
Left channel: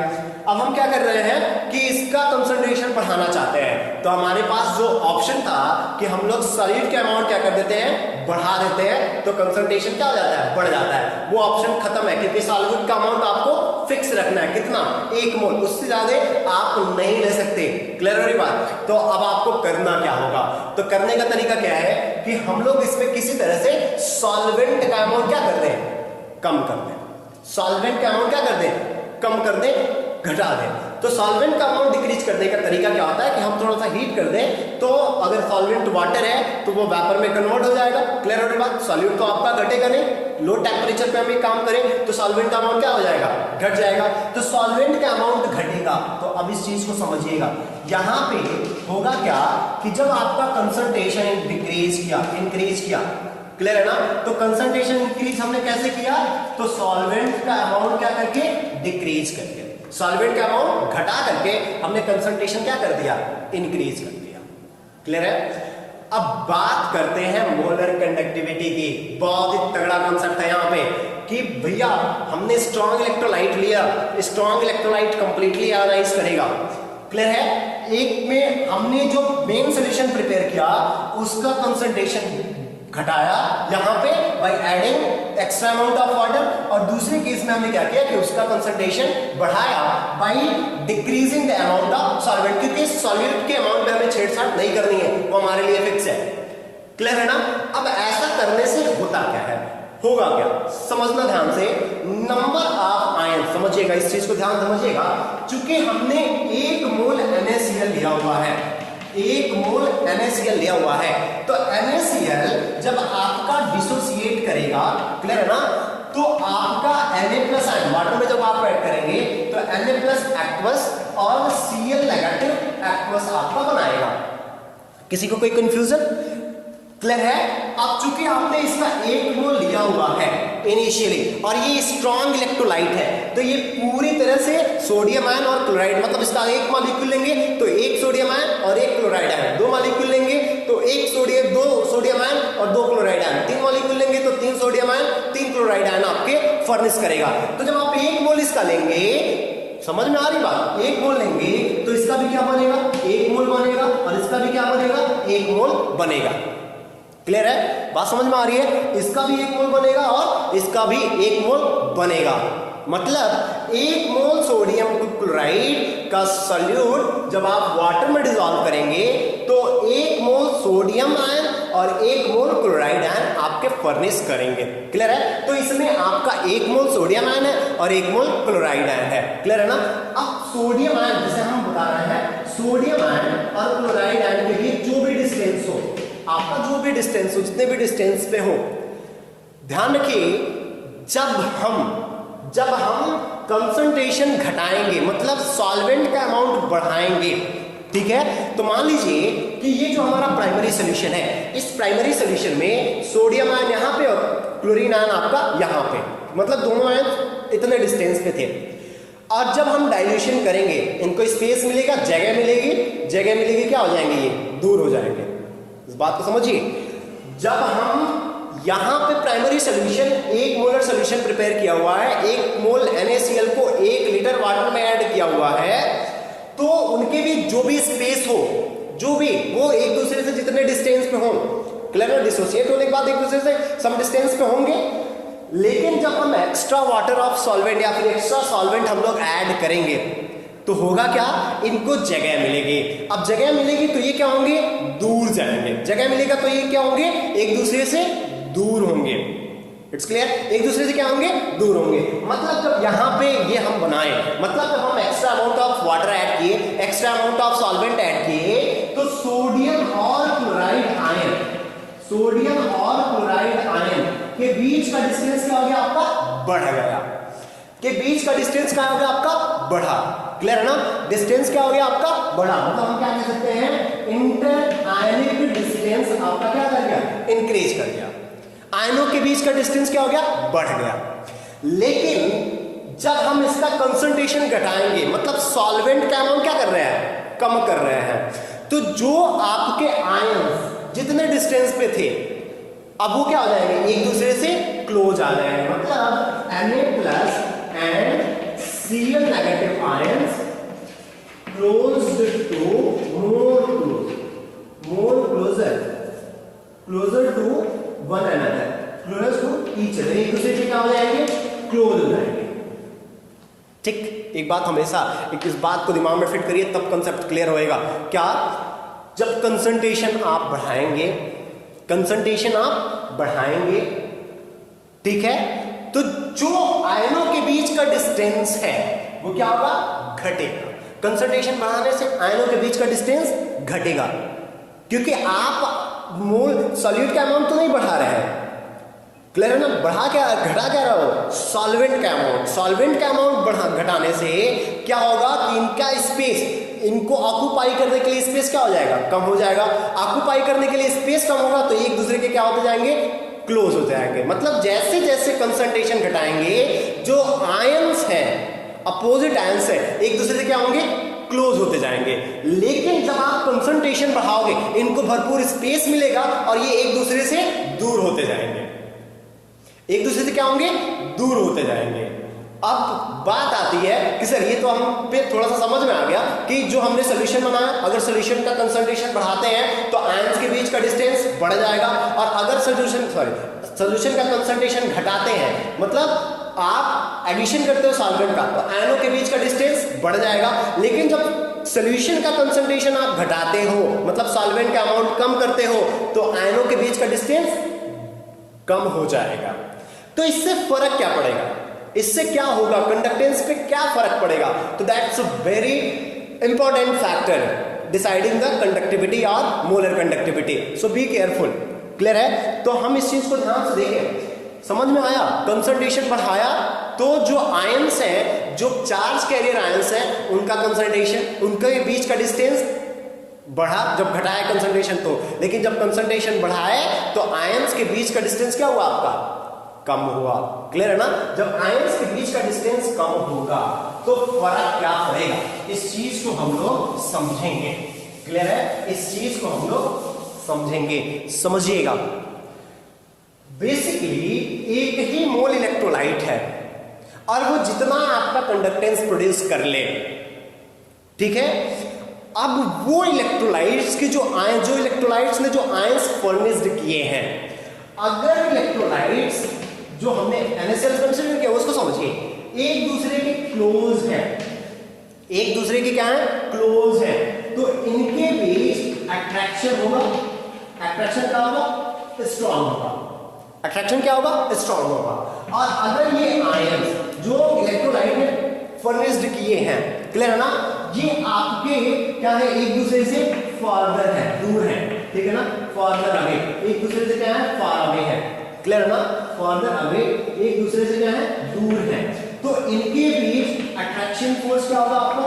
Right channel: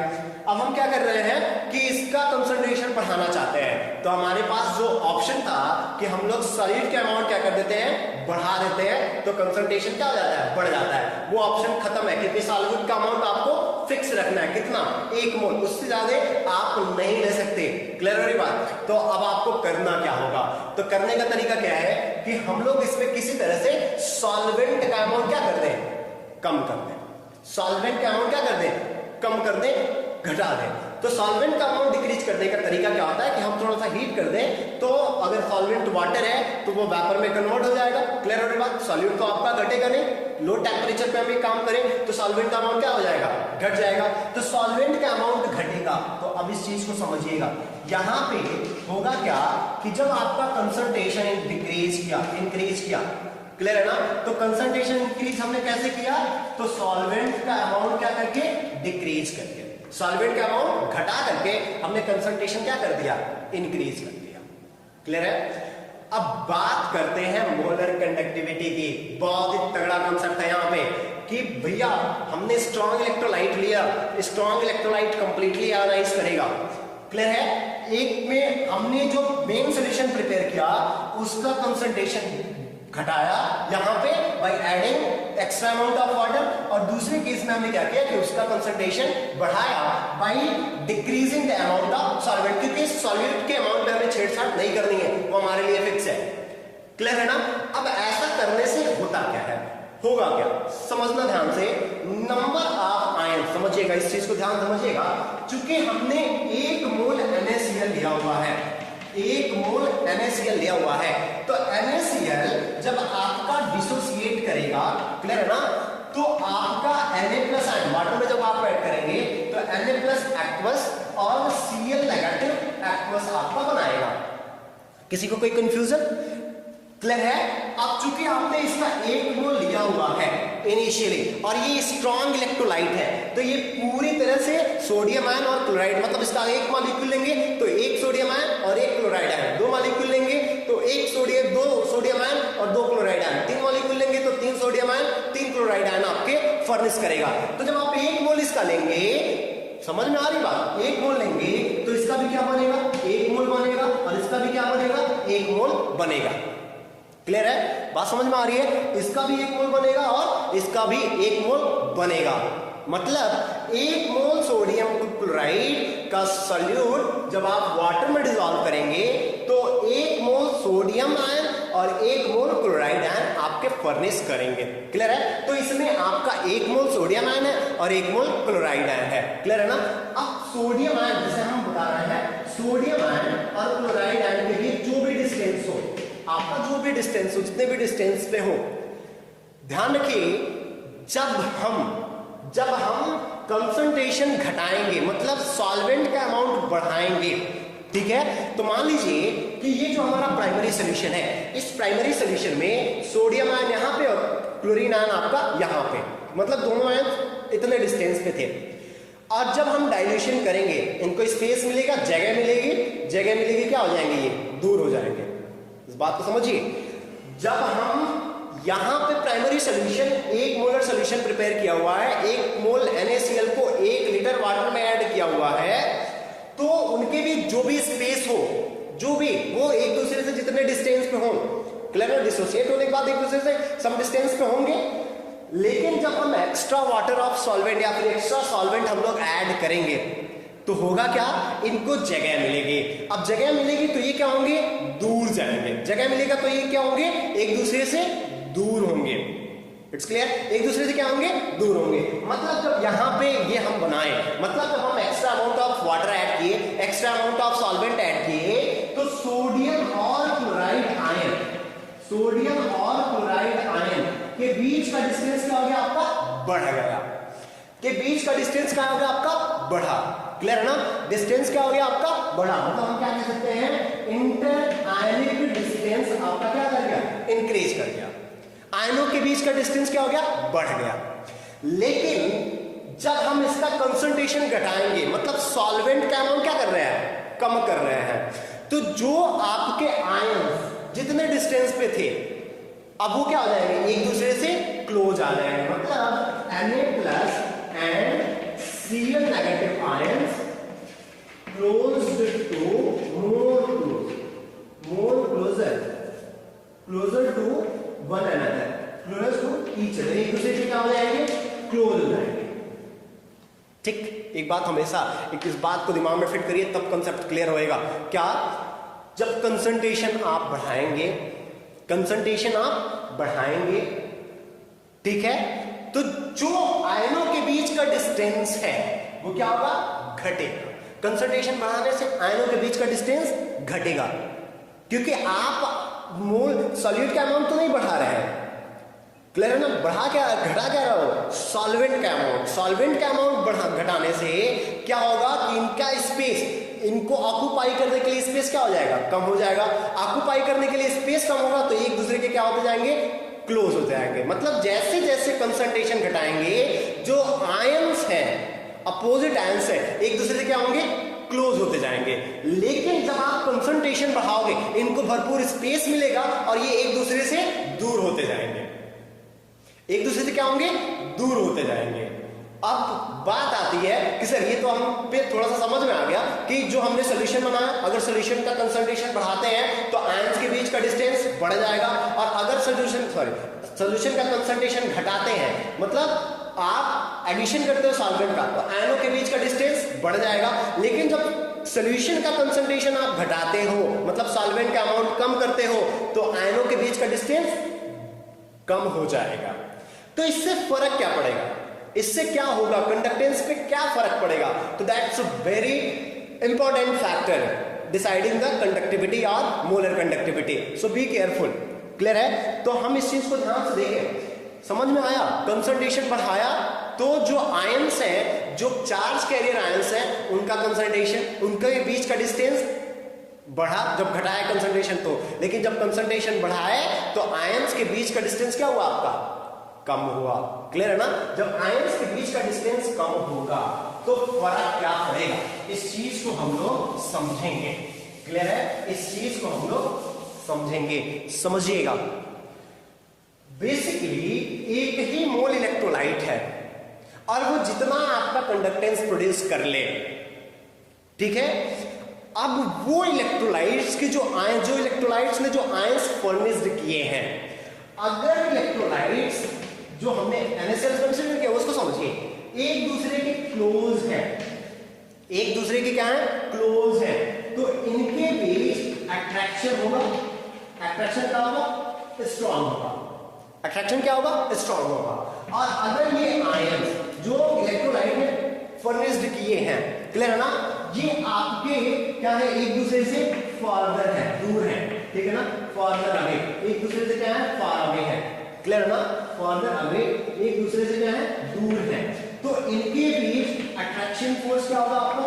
अब हम क्या कर रहे हैं कि इसका कंसंट्रेशन बढ़ाना चाहते हैं, तो हमारे पास जो ऑप्शन था कि हम लोग सॉल्यूट के अमाउंट क्या कर देते हैं, बढ़ा देते हैं तो कंसंट्रेशन क्या हो जाता है, बढ़ जाता है। वो ऑप्शन खत्म है, क्योंकि सॉल्वेंट का अमाउंट आपको फिक्स रखना है, कितना, 1 मोल, उससे ज्यादा आप नहीं ले सकते। क्लियर हो रही बात? तो अब आपको करना क्या होगा, तो करने का तरीका क्या है कि हम लोग इसमें किसी तरह से सॉल्वेंट का अमाउंट क्या कर दें, कम कर दें। सॉल्वेंट का अमाउंट क्या कर दें, कम कर दें, घटा दें। तो सॉल्वेंट का अमाउंट डिक्रीज करने का तरीका क्या होता है कि हम थोड़ा सा हीट कर दें, तो अगर सॉल्वेंट वाटर है तो वो वेपर में कन्वर्ट हो जाएगा। क्लियर हो रही बात? सॉल्यूट तो आपका घटेगा नहीं, लो टेम्परेचर पे हम एक काम करें तो सॉल्वेंट का अमाउंट क्या हो जाएगा, घट जाएगा। तो सॉल्वेंट का अमाउंट घटेगा, तो अब इस चीज को समझिएगा। यहां पे होगा क्या कि जब आपका कंसंट्रेशन डिक्रीज किया, इंक्रीज किया, क्लियर है ना, तो कंसंट्रेशन इंक्रीज हमने कैसे किया, तो सॉल्वेंट का अमाउंट क्या करके, डिक्रीज करके, सॉल्वेंट का अमाउंट घटा करके हमने कंसंट्रेशन क्या कर दिया, इंक्रीज कर दिया। क्लियर है? अब बात करते हैं मोलर कंडक्टिविटी की। बहुत ही तगड़ा कॉन्सेप्ट है यहाँ पे कि भैया हमने स्ट्रॉन्ग इलेक्ट्रोलाइट लिया, स्ट्रॉन्ग इलेक्ट्रोलाइट कंप्लीटली आयनाइज करेगा। क्लियर है? एक में हमने जो मेन सोल्यूशन प्रिपेयर किया उसका कंसंट्रेशन घटाया यहां पे by adding extra amount of water, और दूसरे केस में हमने क्या किया कि उसका कंसंट्रेशन बढ़ाया by decreasing the amount of solvent, क्योंकि सॉल्वेंट के अमाउंट में हमें छेड़छाड़ नहीं करनी है, वो हमारे लिए फिक्स है। क्लियर है ना? अब ऐसा करने से होता क्या है, होगा क्या, समझना ध्यान से। नंबर ऑफ आयन, समझिएगा इस चीज को, ध्यान समझिएगा। चूंकि हमने 1 मोल NaCl लिया हुआ है, 1 मोल NaCl लिया हुआ है, तो NaCl जब आपका डिसोसिएट करेगा, क्लियर है ना, तो आपका Na प्लस आयन वाटर में जब आप ऐड करेंगे तो Na प्लस एक्वस और Cl नेगेटिव एक्वस आपका बनाएगा। किसी को कोई कंफ्यूजन? क्लियर है? अब चूंकि आपने इसका 1 मोल लिया हुआ है इनिशियली, और ये स्ट्रॉन्ग इलेक्ट्रोलाइट है, तो ये पूरी तरह से सोडियम आयन और क्लोराइड, मतलब इसका 1 मॉलिक्यूल लेंगे तो 1 सोडियम आयन और 1 क्लोराइड आयन, 2 मॉलिक्यूल लेंगे तो 2 सोडियम आयन और 2 क्लोराइड आयन, 3 मॉलिक्यूल लेंगे तो 3 सोडियम आयन 3 क्लोराइड आयन आपके फर्निश करेगा। तो जब आप 1 मोल इसका लेंगे, समझ में आ रही बात, 1 मोल लेंगे तो इसका भी क्या बनेगा, 1 मोल बनेगा, और इसका भी क्या बनेगा, 1 मोल बनेगा। क्लियर है? बात समझ में आ रही है? इसका भी 1 मोल बनेगा और इसका भी 1 मोल बनेगा। मतलब 1 मोल सोडियम क्लोराइड का सॉल्यूट जब आप वाटर में डिसॉल्व करेंगे तो 1 मोल सोडियम आयन और 1 मोल क्लोराइड आयन आपके फर्निश करेंगे। क्लियर है? तो इसमें आपका 1 मोल सोडियम आयन है और 1 मोल क्लोराइड आयन है। क्लियर है ना? अब सोडियम आयन जिसे हम बता रहे हैं, सोडियम आयन और क्लोराइड आयन के बीच जो भी डिस्टेंस हो, आपका जो भी डिस्टेंस हो, जितने भी डिस्टेंस पे हो, ध्यान रखिए जब हम कंसंट्रेशन घटाएंगे, मतलब सॉल्वेंट का अमाउंट बढ़ाएंगे, ठीक है, तो मान लीजिए कि ये जो हमारा प्राइमरी सोल्यूशन है, इस प्राइमरी सोल्यूशन में सोडियम आयन यहां पे और क्लोरीन आयन आपका यहां पे, मतलब दोनों आयन इतने डिस्टेंस पे थे। और जब हम डाइल्यूशन करेंगे, इनको स्पेस मिलेगा, जगह मिलेगी, क्या हो जाएंगे, ये दूर हो जाएंगे। इस बात को समझिए। जब हम यहां पे primary solution 1 molar solution prepare किया हुआ है, 1 मोल NaCl को 1 लीटर वाटर में ऐड किया हुआ है, तो उनके भी जो भी स्पेस हो, जो भी वो एक दूसरे से जितने डिस्टेंस पे हो, क्लियर, डिसोसिएट होने के बाद एक दूसरे से सम डिस्टेंस पे होंगे। लेकिन जब हम एक्स्ट्रा वाटर ऑफ सॉल्वेंट या फिर एक्स्ट्रा सॉल्वेंट हम लोग ऐड करेंगे तो होगा क्या, इनको जगह मिलेगी। अब जगह मिलेगी तो ये क्या होंगे, दूर जाएंगे। जगह मिलेगा तो ये क्या होंगे, एक दूसरे से दूर होंगे। It's clear? एक दूसरे से क्या होंगे, दूर होंगे। मतलब जब यहां पे ये हम बनाए, मतलब जब हम extra amount of water add किए, extra amount of solvent add किए, तो सोडियम और क्लोराइड आयन के बीच का डिस्टेंस क्या हो गया आपका, बढ़ गया। के बीच का डिस्टेंस क्या हो गया आपका, बढ़ा। क्लियर है ना? डिस्टेंस क्या हो गया आपका, बढ़ा। मतलब हम क्या कह सकते हैं, इंटर आयनिक डिस्टेंस आपका क्या कर गया, इंक्रीज कर गया। आयनों के बीच का डिस्टेंस क्या हो गया, बढ़ गया। लेकिन जब हम इसका कंसंट्रेशन घटाएंगे, मतलब सॉल्वेंट का अमाउंट क्या कर रहे हैं, कम कर रहे हैं, तो जो आपके आयन जितने डिस्टेंस पे थे, अब वो क्या हो जाएंगे, एक दूसरे से क्लोज आ जाएंगे। मतलब Na plus and Cl negative ions close to more closer to one another, close to each other, एक दूसरे के क्या हो जाएंगे, क्लोज हो जाएंगे। ठीक, एक बात हमेशा इस बात को दिमाग में फिट करिए, तब कंसेप्ट क्लियर होएगा। क्या, जब कंसंट्रेशन आप बढ़ाएंगे, कंसंट्रेशन आप बढ़ाएंगे, ठीक है, तो जो आयनों के बीच का डिस्टेंस है वो क्या होगा, घटेगा। कंसंट्रेशन बढ़ाने से आयनों के बीच का डिस्टेंस घटेगा, क्योंकि आप मोल सॉल्यूट का अमाउंट तो नहीं बढ़ा रहे हैं, क्लियर है ना, बढ़ा क्या, घटा क्या रहा हो, सॉल्वेंट का अमाउंट। सॉल्वेंट का अमाउंट घटाने से क्या होगा कि इनका स्पेस, इनको ऑक्यूपाई करने के लिए स्पेस क्या हो जाएगा, कम हो जाएगा। ऑक्यूपाई करने के लिए स्पेस कम होगा तो एक दूसरे के क्या होते जाएंगे, क्लोज हो जाएंगे। मतलब जैसे जैसे कंसंट्रेशन घटाएंगे, जो आयंस हैं, अपोजिट आयंस है, एक दूसरे से क्या होंगे, क्लोज होते जाएंगे। लेकिन जब आप कंसंट्रेशन बढ़ाओगे, इनको भरपूर स्पेस मिलेगा और ये एक दूसरे से दूर होते जाएंगे, एक दूसरे से क्या होंगे, दूर होते जाएंगे। अब बात आती है कि सर ये तो हम पे थोड़ा सा समझ में आ गया कि जो हमने सोल्यूशन बनाया, अगर सोल्यूशन का कंसंट्रेशन बढ़ाते हैं तो आयंस के बीच का डिस्टेंस बढ़ जाएगा, और अगर सोल्यूशन का कंसंट्रेशन घटाते हैं, मतलब आप एडिशन करते हो सॉल्वेंट का, तो आयनों के बीच का डिस्टेंस बढ़ जाएगा। लेकिन जब सोल्यूशन का कंसंट्रेशन आप घटाते हो, मतलब सॉल्वेंट का अमाउंट कम करते हो, तो आयनों के बीच का डिस्टेंस कम हो जाएगा। तो इससे फर्क क्या पड़ेगा, इससे क्या होगा, कंडक्टेंस पे क्या फर्क पड़ेगा, तो that's a very important factor deciding the conductivity और molar conductivity. So be careful, clear है। तो हम इस चीज को ध्यान से देखें, समझ में आया, कंसंट्रेशन बढ़ाया तो जो आयंस हैं, जो चार्ज कैरियर आयंस हैं, उनका कंसंट्रेशन, उनके बीच का डिस्टेंस बढ़ा, जब घटाया कंसंट्रेशन तो, लेकिन जब कंसंट्रेशन बढ़ाए तो आयंस के बीच का डिस्टेंस क्या हुआ, आपका कम हुआ, क्लियर है ना। जब आयंस के बीच का डिस्टेंस कम होगा तो फर्क क्या पड़ेगा, इस चीज को हम लोग समझेंगे, क्लियर है, इस चीज को हम लोग समझेंगे, समझिएगा। बेसिकली एक ही मोल इलेक्ट्रोलाइट है और वो जितना आपका कंडक्टेंस प्रोड्यूस कर ले, ठीक है, अब वो इलेक्ट्रोलाइट्स के जो इलेक्ट्रोलाइट्स ने जो आयंस फर्निश्ड किए हैं, अगर इलेक्ट्रोलाइट्स जो हमने NaCl कंसीडर किया उसको समझिए, एक दूसरे के क्लोज है, एक दूसरे के क्या है, क्लोज है, तो इनके बीच अट्रैक्शन होगा, अट्रैक्शन क्या होगा, स्ट्रॉन्ग होगा, अट्रैक्शन क्या होगा, स्ट्रॉन्ग होगा। और अगर ये आयंस जो इलेक्ट्रोलाइट ने फर्निश्ड किए हैं, क्लियर है ना, ये आपके क्या है, एक दूसरे से फॉरवर्ड है, दूर है, ठीक है ना, फॉरवर्ड अवे, एक दूसरे से क्या है, फार अवे है, क्लियर है ना, फॉरवर्ड अवे, एक दूसरे से क्या है, दूर है। तो इनके बीच अट्रैक्शन फोर्स क्या होगा, आपका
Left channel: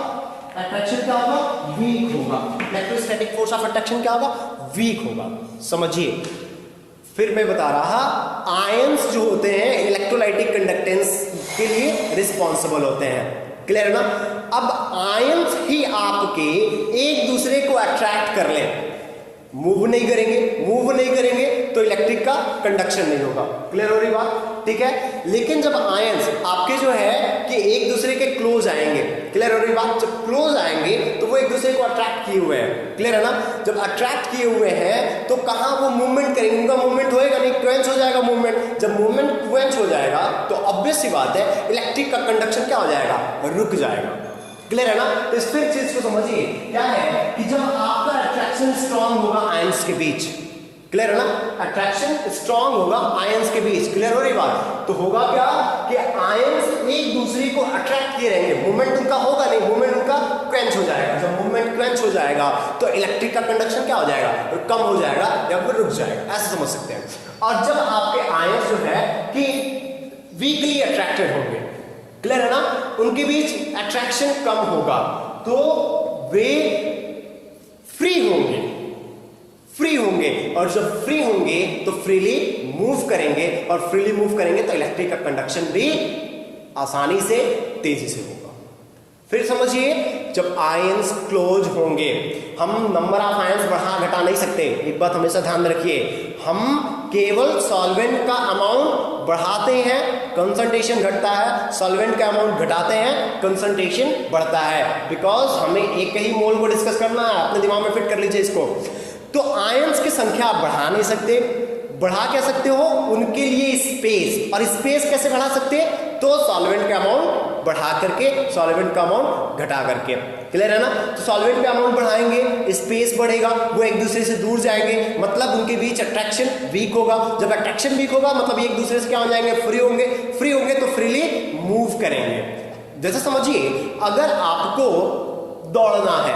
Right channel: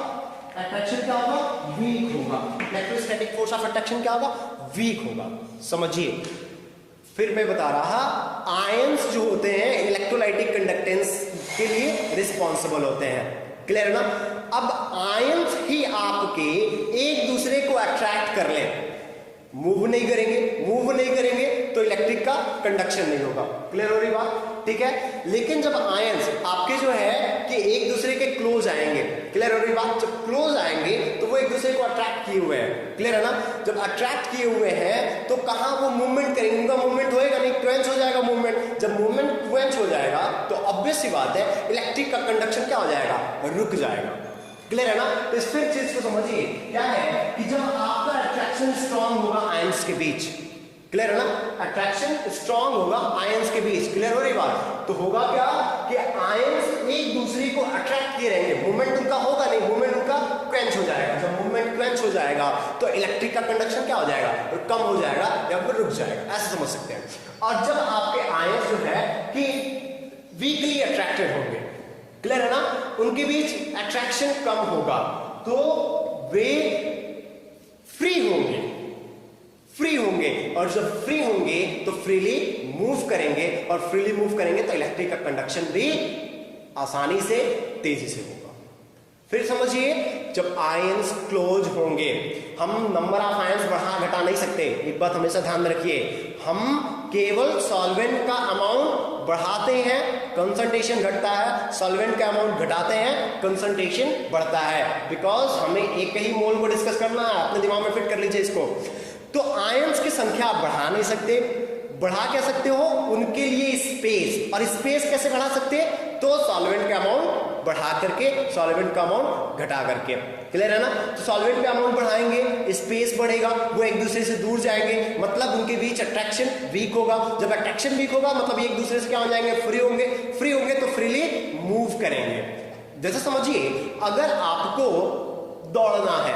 अट्रैक्शन क्या होगा, वीक होगा, इलेक्ट्रोस्टैटिक फोर्स ऑफ अट्रैक्शन क्या होगा, वीक होगा। समझिए, फिर मैं बता रहा, आयंस जो होते हैं इलेक्ट्रोलाइटिक कंडक्टेंस के लिए रिस्पॉन्सिबल होते हैं, क्लियर है ना। अब आयंस ही आपके एक दूसरे को अट्रैक्ट कर ले, मूव नहीं करेंगे तो इलेक्ट्रिक का कंडक्शन नहीं होगा, क्लियर हो रही बात, ठीक है। लेकिन जब आयंस आपके जो है कि एक दूसरे के क्लोज आएंगे, क्लियर हो रही बात, जब क्लोज आएंगे तो वो एक दूसरे को अट्रैक्ट किए हुए हैं, क्लियर है ना। जब अट्रैक्ट किए हुए हैं तो कहां वो मूवमेंट करेंगे, उनका मूवमेंट होएगा नहीं, क्वेंच हो जाएगा मूवमेंट। जब मूवमेंट क्वेंच हो जाएगा तो ऑब्वियस सी बात है इलेक्ट्रिक का कंडक्शन क्या हो जाएगा, रुक जाएगा, क्लियर है ना। तो इस फिर चीज को समझिए, क्या है कि जब आपका अट्रैक्शन स्ट्रांग होगा आयंस के बीच, क्लियर है ना, अट्रैक्शन स्ट्रांग होगा आयंस के बीच, क्लियर हो रही बात, तो होगा क्या कि आयंस एक दूसरे को अट्रैक्ट किए रहेंगे, मूवमेंट उनका होगा नहीं, मूवमेंट उनका क्वेंच हो जाएगा। जब मूवमेंट क्वेंच हो जाएगा तो इलेक्ट्रिक का कंडक्शन क्या हो जाएगा, कम हो जाएगा या फिर रुक जाएगा, ऐसे समझ सकते हैं। और जब आपके आयंस जो है कि वीकली अट्रैक्टेड होंगे, क्लियर है ना, उनके बीच अट्रैक्शन कम होगा तो वे फ्री होंगे और जब फ्री होंगे तो फ्रीली मूव करेंगे, और फ्रीली मूव करेंगे तो इलेक्ट्रिक का कंडक्शन भी आसानी से, तेजी से होगा। फिर समझिए, जब आयंस क्लोज होंगे, हम नंबर ऑफ आयंस बढ़ा घटा नहीं सकते, एक बात हमेशा ध्यान में रखिए, हम केवल सॉल्वेंट का अमाउंट बढ़ाते हैं, कंसंट्रेशन घटता है, सॉल्वेंट का अमाउंट घटाते हैं, कंसंट्रेशन बढ़ता है, बिकॉज हमें एक ही मोल को डिस्कस करना है, अपने दिमाग में फिट कर लीजिए इसको। तो आयंस की संख्या आप बढ़ा नहीं सकते, बढ़ा क्या सकते हो, उनके लिए स्पेस। और स्पेस कैसे बढ़ा सकते हैं, तो सॉल्वेंट का अमाउंट बढ़ा करके, सॉल्वेंट का अमाउंट घटा करके। क्लियर है ना। तो सॉल्वेंट का अमाउंट बढ़ाएंगे, स्पेस बढ़ेगा, वो एक दूसरे से दूर जाएंगे, मतलब उनके बीच अट्रैक्शन वीक होगा। जब अट्रैक्शन वीक होगा मतलब एक दूसरे से क्या हो जाएंगे, फ्री होंगे। फ्री होंगे तो फ्रीली मूव करेंगे। जैसे समझिए अगर आपको दौड़ना है,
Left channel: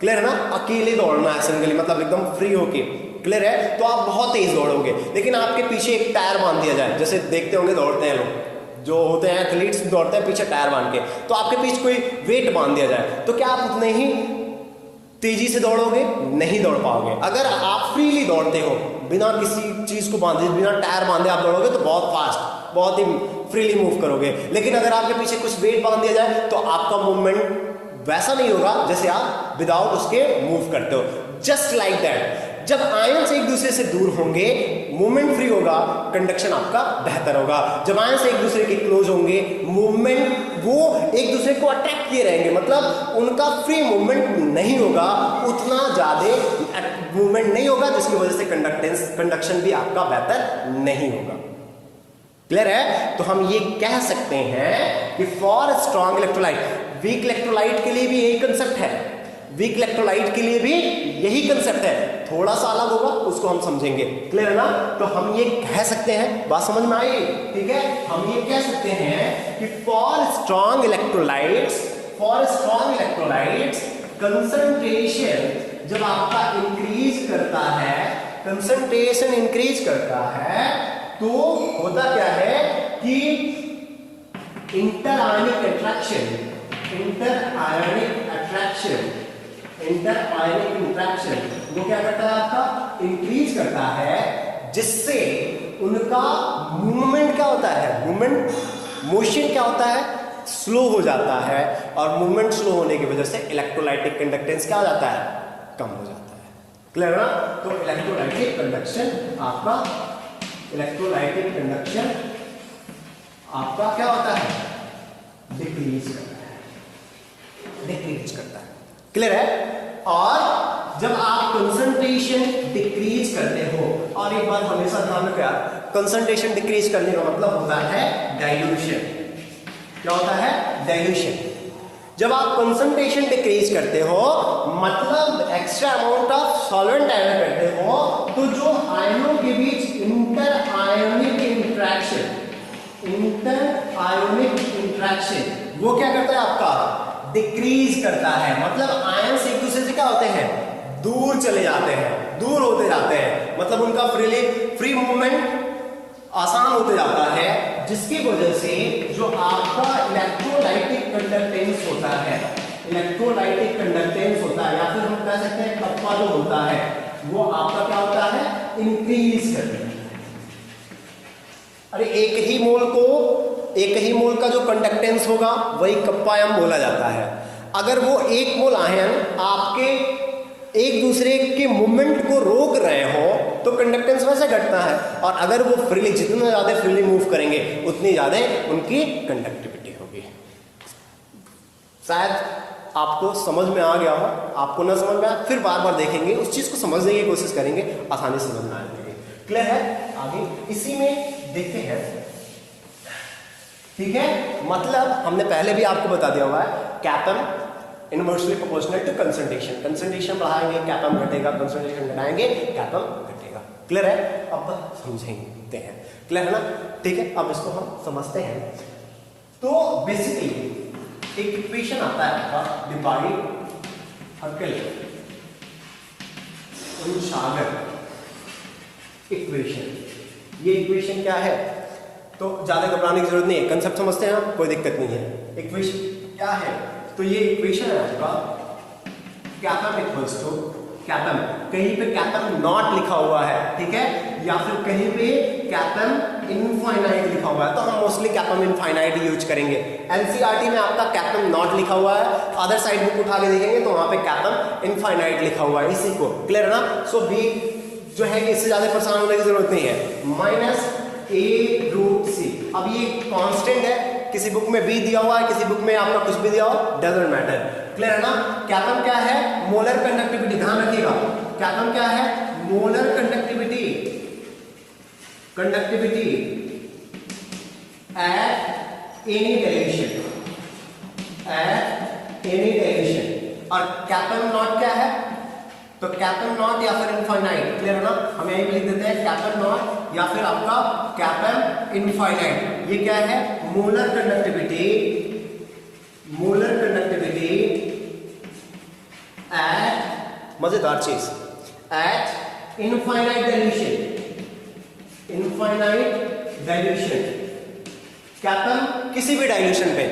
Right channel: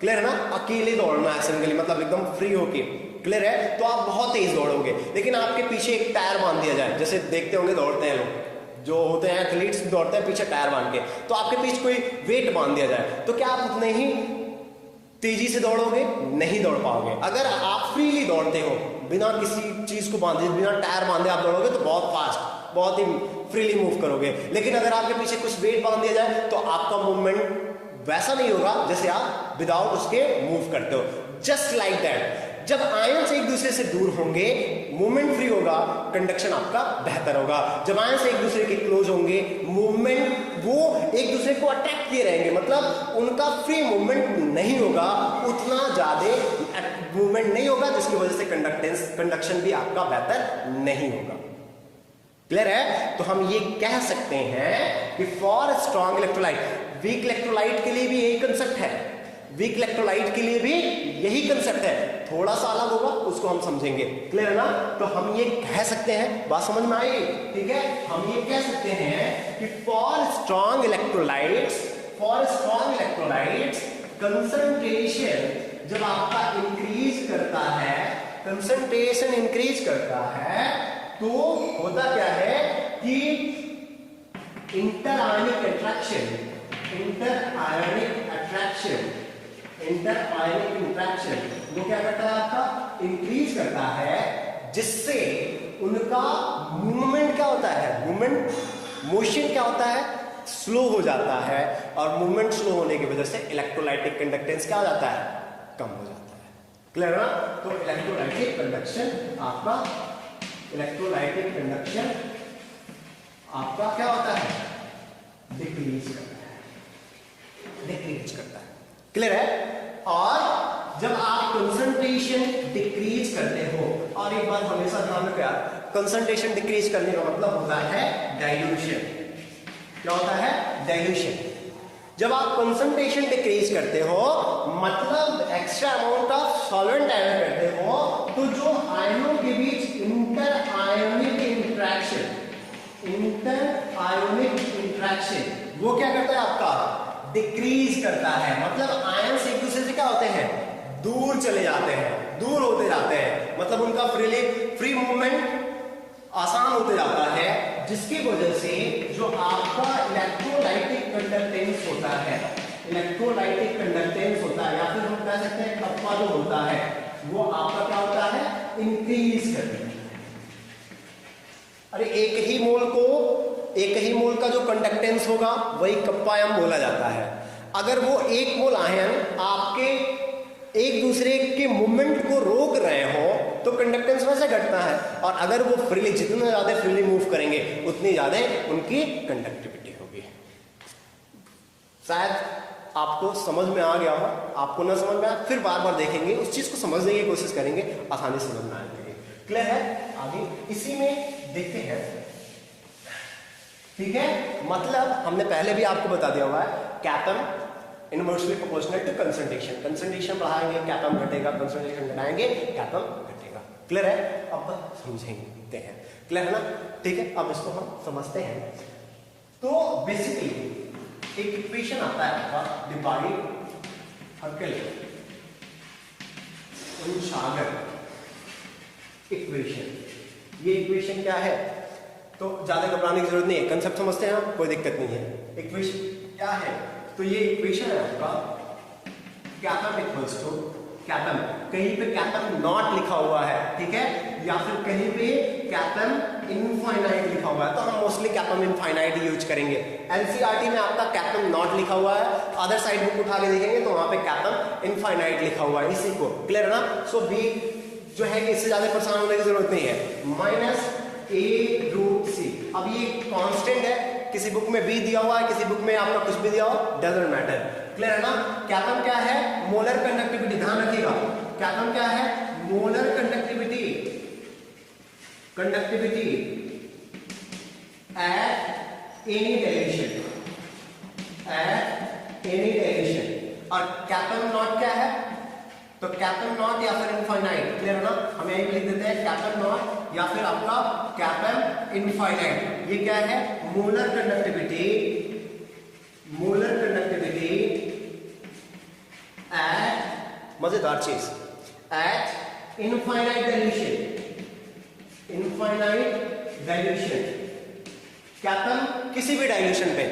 क्लियर है ना, अकेले दौड़ना है सिंगली, मतलब एकदम फ्री होके, क्लियर है, तो आप बहुत तेज दौड़ोगे। लेकिन आपके पीछे एक टायर बांध दिया जाए, जैसे देखते होंगे दौड़ते हैं लोग, जो होते हैं एथलीट्स दौड़ते हैं पीछे टायर बांध के, तो आपके पीछे कोई वेट बांध दिया जाए तो क्या आप उतने ही तेजी से दौड़ोगे, नहीं दौड़ पाओगे। अगर आप फ्रीली दौड़ते हो बिना किसी चीज को बांधे, बिना टायर बांधे आप दौड़ोगे तो बहुत फास्ट, बहुत ही फ्रीली मूव करोगे। लेकिन अगर आपके पीछे कुछ वेट बांध दिया जाए तो आपका मूवमेंट वैसा नहीं होगा जैसे आप विदाउट उसके मूव करते हो। जस्ट लाइक दैट, जब आयंस एक दूसरे से दूर होंगे मूवमेंट फ्री होगा, कंडक्शन आपका बेहतर होगा। जब आयंस एक दूसरे के क्लोज होंगे मूवमेंट, वो एक दूसरे को अट्रैक्ट किए रहेंगे, मतलब उनका फ्री मूवमेंट नहीं होगा, उतना ज्यादा मूवमेंट नहीं होगा, जिसकी वजह से कंडक्शन भी आपका बेहतर नहीं होगा। क्लियर है। तो हम ये कह सकते हैं कि for strong electrolyte, weak electrolyte के लिए भी यही कंसेप्ट है, वीक इलेक्ट्रोलाइट के लिए भी यही कंसेप्ट है, थोड़ा सा अलग होगा, उसको हम समझेंगे। क्लियर है ना। तो हम ये कह सकते हैं, बात समझ में आई, ठीक है, हम ये कह सकते हैं कि फॉर स्ट्रॉन्ग इलेक्ट्रोलाइट्स, कंसंट्रेशन जब आपका इंक्रीज करता है, कंसंट्रेशन इंक्रीज करता है, तो होता क्या है कि इंटरआयनिक अट्रैक्शन वो क्या करता है, आपका इंक्रीज करता है, जिससे उनका मूवमेंट क्या होता है, मोशन क्या होता है, स्लो हो जाता है। और मूवमेंट स्लो होने की वजह से इलेक्ट्रोलाइटिक कंडक्टेंस क्या हो जाता है, कम हो जाता है। क्लियर ना। तो इलेक्ट्रोलाइटिक कंडक्शन आपका क्या होता है, डिक्रीज करता है। क्लियर है। और जब आप कंसंट्रेशन डिक्रीज करते हो, और एक बात हमेशा ध्यान रखना, कंसंट्रेशन डिक्रीज करने का मतलब होता है डाइल्यूशन। क्या होता है, डाइल्यूशन। जब आप कंसंट्रेशन डिक्रीज करते हो मतलब extra amount of solvent add करते हो, तो जो आयनों के बीच इंटर आयोनिक इंट्रैक्शन वो क्या करता है, आपका डिक्रीज करता है। मतलब आयंस एक दूसरे से क्या होते हैं, दूर चले जाते हैं, दूर होते जाते हैं, मतलब उनका फ्री मूवमेंट आसान होते जाता है, जिसकी वजह से जो आपका इलेक्ट्रोलाइटिक कंडक्टेंस होता है, या फिर हम कह सकते हैं कप्पा जो होता है, वो आपका क्या होता है, इंक्रीज करता है। अरे एक ही मोल का जो कंडक्टेंस होगा वही कप्पा आयन बोला जाता है। अगर वो एक मोल आयन आपके एक दूसरे के मूवमेंट को रोक रहे हो तो कंडक्टेंस वैसे घटता है, और अगर वो फ्रीली, जितना ज्यादा फ्रीली मूव करेंगे उतनी ज्यादा उनकी कंडक्टिविटी होगी। शायद आपको समझ में आ गया हो, आपको ना समझ में आया फिर बार बार देखेंगे, उस चीज को समझने की कोशिश करेंगे, आसानी से समझ में आ जाएगी। क्लियर है। आगे इसी में देखते हैं, ठीक है। मतलब हमने पहले भी आपको बता दिया हुआ है, कैपम इनवर्सली प्रोपोर्शनल टू कंसंट्रेशन बढ़ाएंगे कैपम घटेगा, कंसंट्रेशन घटाएंगे कैपम घटेगा। क्लियर है। अब समझेंगे हैं, क्लियर है ना। ठीक है, अब इसको हम समझते हैं। तो बेसिकली एक इक्वेशन आता है आपका, डिवाइड इक्वेशन। ये इक्वेशन क्या है, तो ज्यादा घबराने की जरूरत नहीं है, कंसेप्ट समझते हैं आप, कोई दिक्कत नहीं है। इक्वेशन क्या है, तो ये इक्वेशन है आपका कैपम इक्वल्स टू कैपम, कहीं पे कैपम नॉट लिखा हुआ है, ठीक है, या फिर कहीं पे कैपम इनफाइनाइट लिखा हुआ है, तो हम मोस्टली कैपम इनफाइनाइट यूज करेंगे। एनसीईआरटी में आपका कैपम नॉट लिखा हुआ है, अदर साइड बुक उठा के देखेंगे तो वहां पे कैपम इनफाइनाइट लिखा हुआ है, इसी को। क्लियर ना। सो बी जो है इससे ज्यादा परेशान होने की जरूरत नहीं है, -a√c। अब ये कांस्टेंट है, किसी बुक में b दिया हुआ है, किसी बुक में आपका कुछ भी दिया हो, डजंट मैटर। क्लियर है ना। कैपम क्या है, मोलर कंडक्टिविटी, ध्यान रखिएगा, कैपम क्या है, molar conductivity conductivity at any dilution, at any dilution. और कैपिटल नॉट क्या है? तो कैपिटल नॉट या फिर इनफाइनाइट, क्लियर है ना? हम यही लिख देते हैं कैपिटल नॉट या फिर आपका कैपिटल इनफाइनाइट। ये क्या है? Molar conductivity, molar conductivity eight, मजेदार चीज, eight infinite dilution, infinite dilution, capital किसी भी डायल्यूशन पे।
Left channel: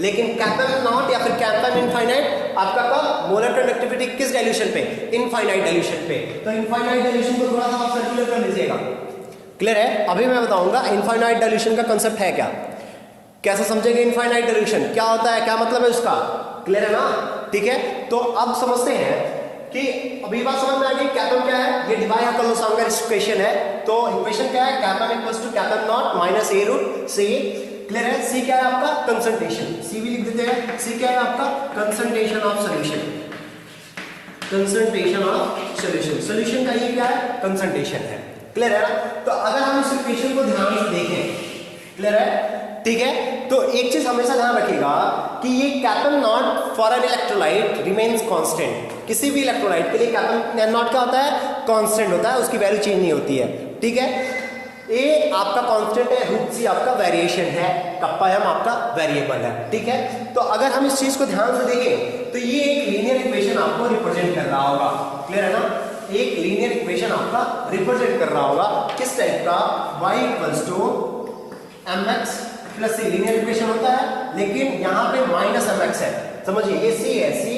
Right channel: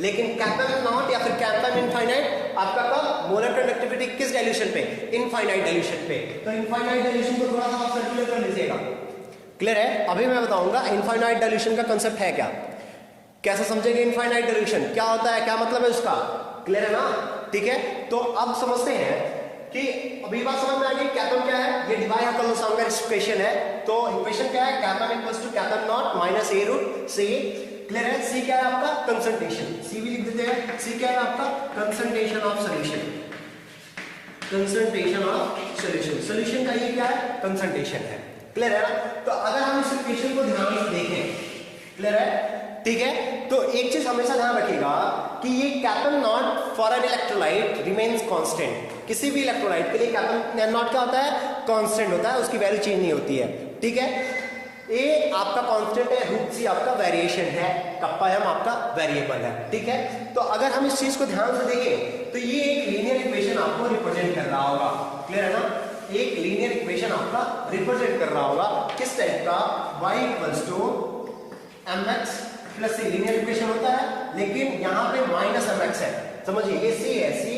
लेकिन कैपिटल नॉट या फिर कैपिटल इनफाइनाइट आपका कब? मोलर कंडक्टिविटी किस डायल्यूशन पे? इनफाइनाइट डायल्यूशन पे। तो इनफाइनाइट डायल्यूशन को थोड़ा सा आप सर्कुलर कर लीजिएगा, क्लियर है? अभी मैं बताऊंगा इनफाइनाइट डायल्यूशन का कांसेप्ट है क्या, कैसे समझेंगे इनफाइनाइट डायल्यूशन, क्या होता है, क्या मतलब है उसका, क्लियर है ना? ठीक है, तो अब समझते हैं कि अभी बात समझ में आ गई। कैपिटल क्या है? ये डिवाइड कर लो, सामने इक्वेशन है। तो इक्वेशन क्या है? Capital equals to capital not minus A root C, clear है? सी क्या है आपका? कंसंट्रेशन, सी भी लिख देते हैं। सी क्या है आपका? Concentration of solution, concentration of solution. Solution का ये क्या है? कंसंट्रेशन है, क्लियर है ना? तो अगर हम इस इक्वेशन को ध्यान से देखें, क्लियर है? ठीक है, तो एक चीज हमेशा ध्यान रखिएगा कि ये capital not for an electrolyte remains constant. किसी भी इलेक्ट्रोलाइट के लिए कैपिटल नॉट क्या होता है? कांस्टेंट होता है, उसकी वैल्यू चेंज नहीं होती है, ठीक है? ए आपका कांस्टेंट है, रूट सी आपका वेरिएशन है, कप्पा एम आपका वेरिएबल है, ठीक है? तो अगर हम इस चीज को ध्यान से देखें तो ये एक लीनियर इक्वेशन आपको रिप्रेजेंट कर रहा होगा, क्लियर है ना? एक लीनियर इक्वेशन आपका रिप्रेजेंट कर रहा होगा, किस टाइप का? y equals to mx plus C, linear equation होता है, लेकिन यहाँ पे माइनस mx है, समझिए ये सी है, सी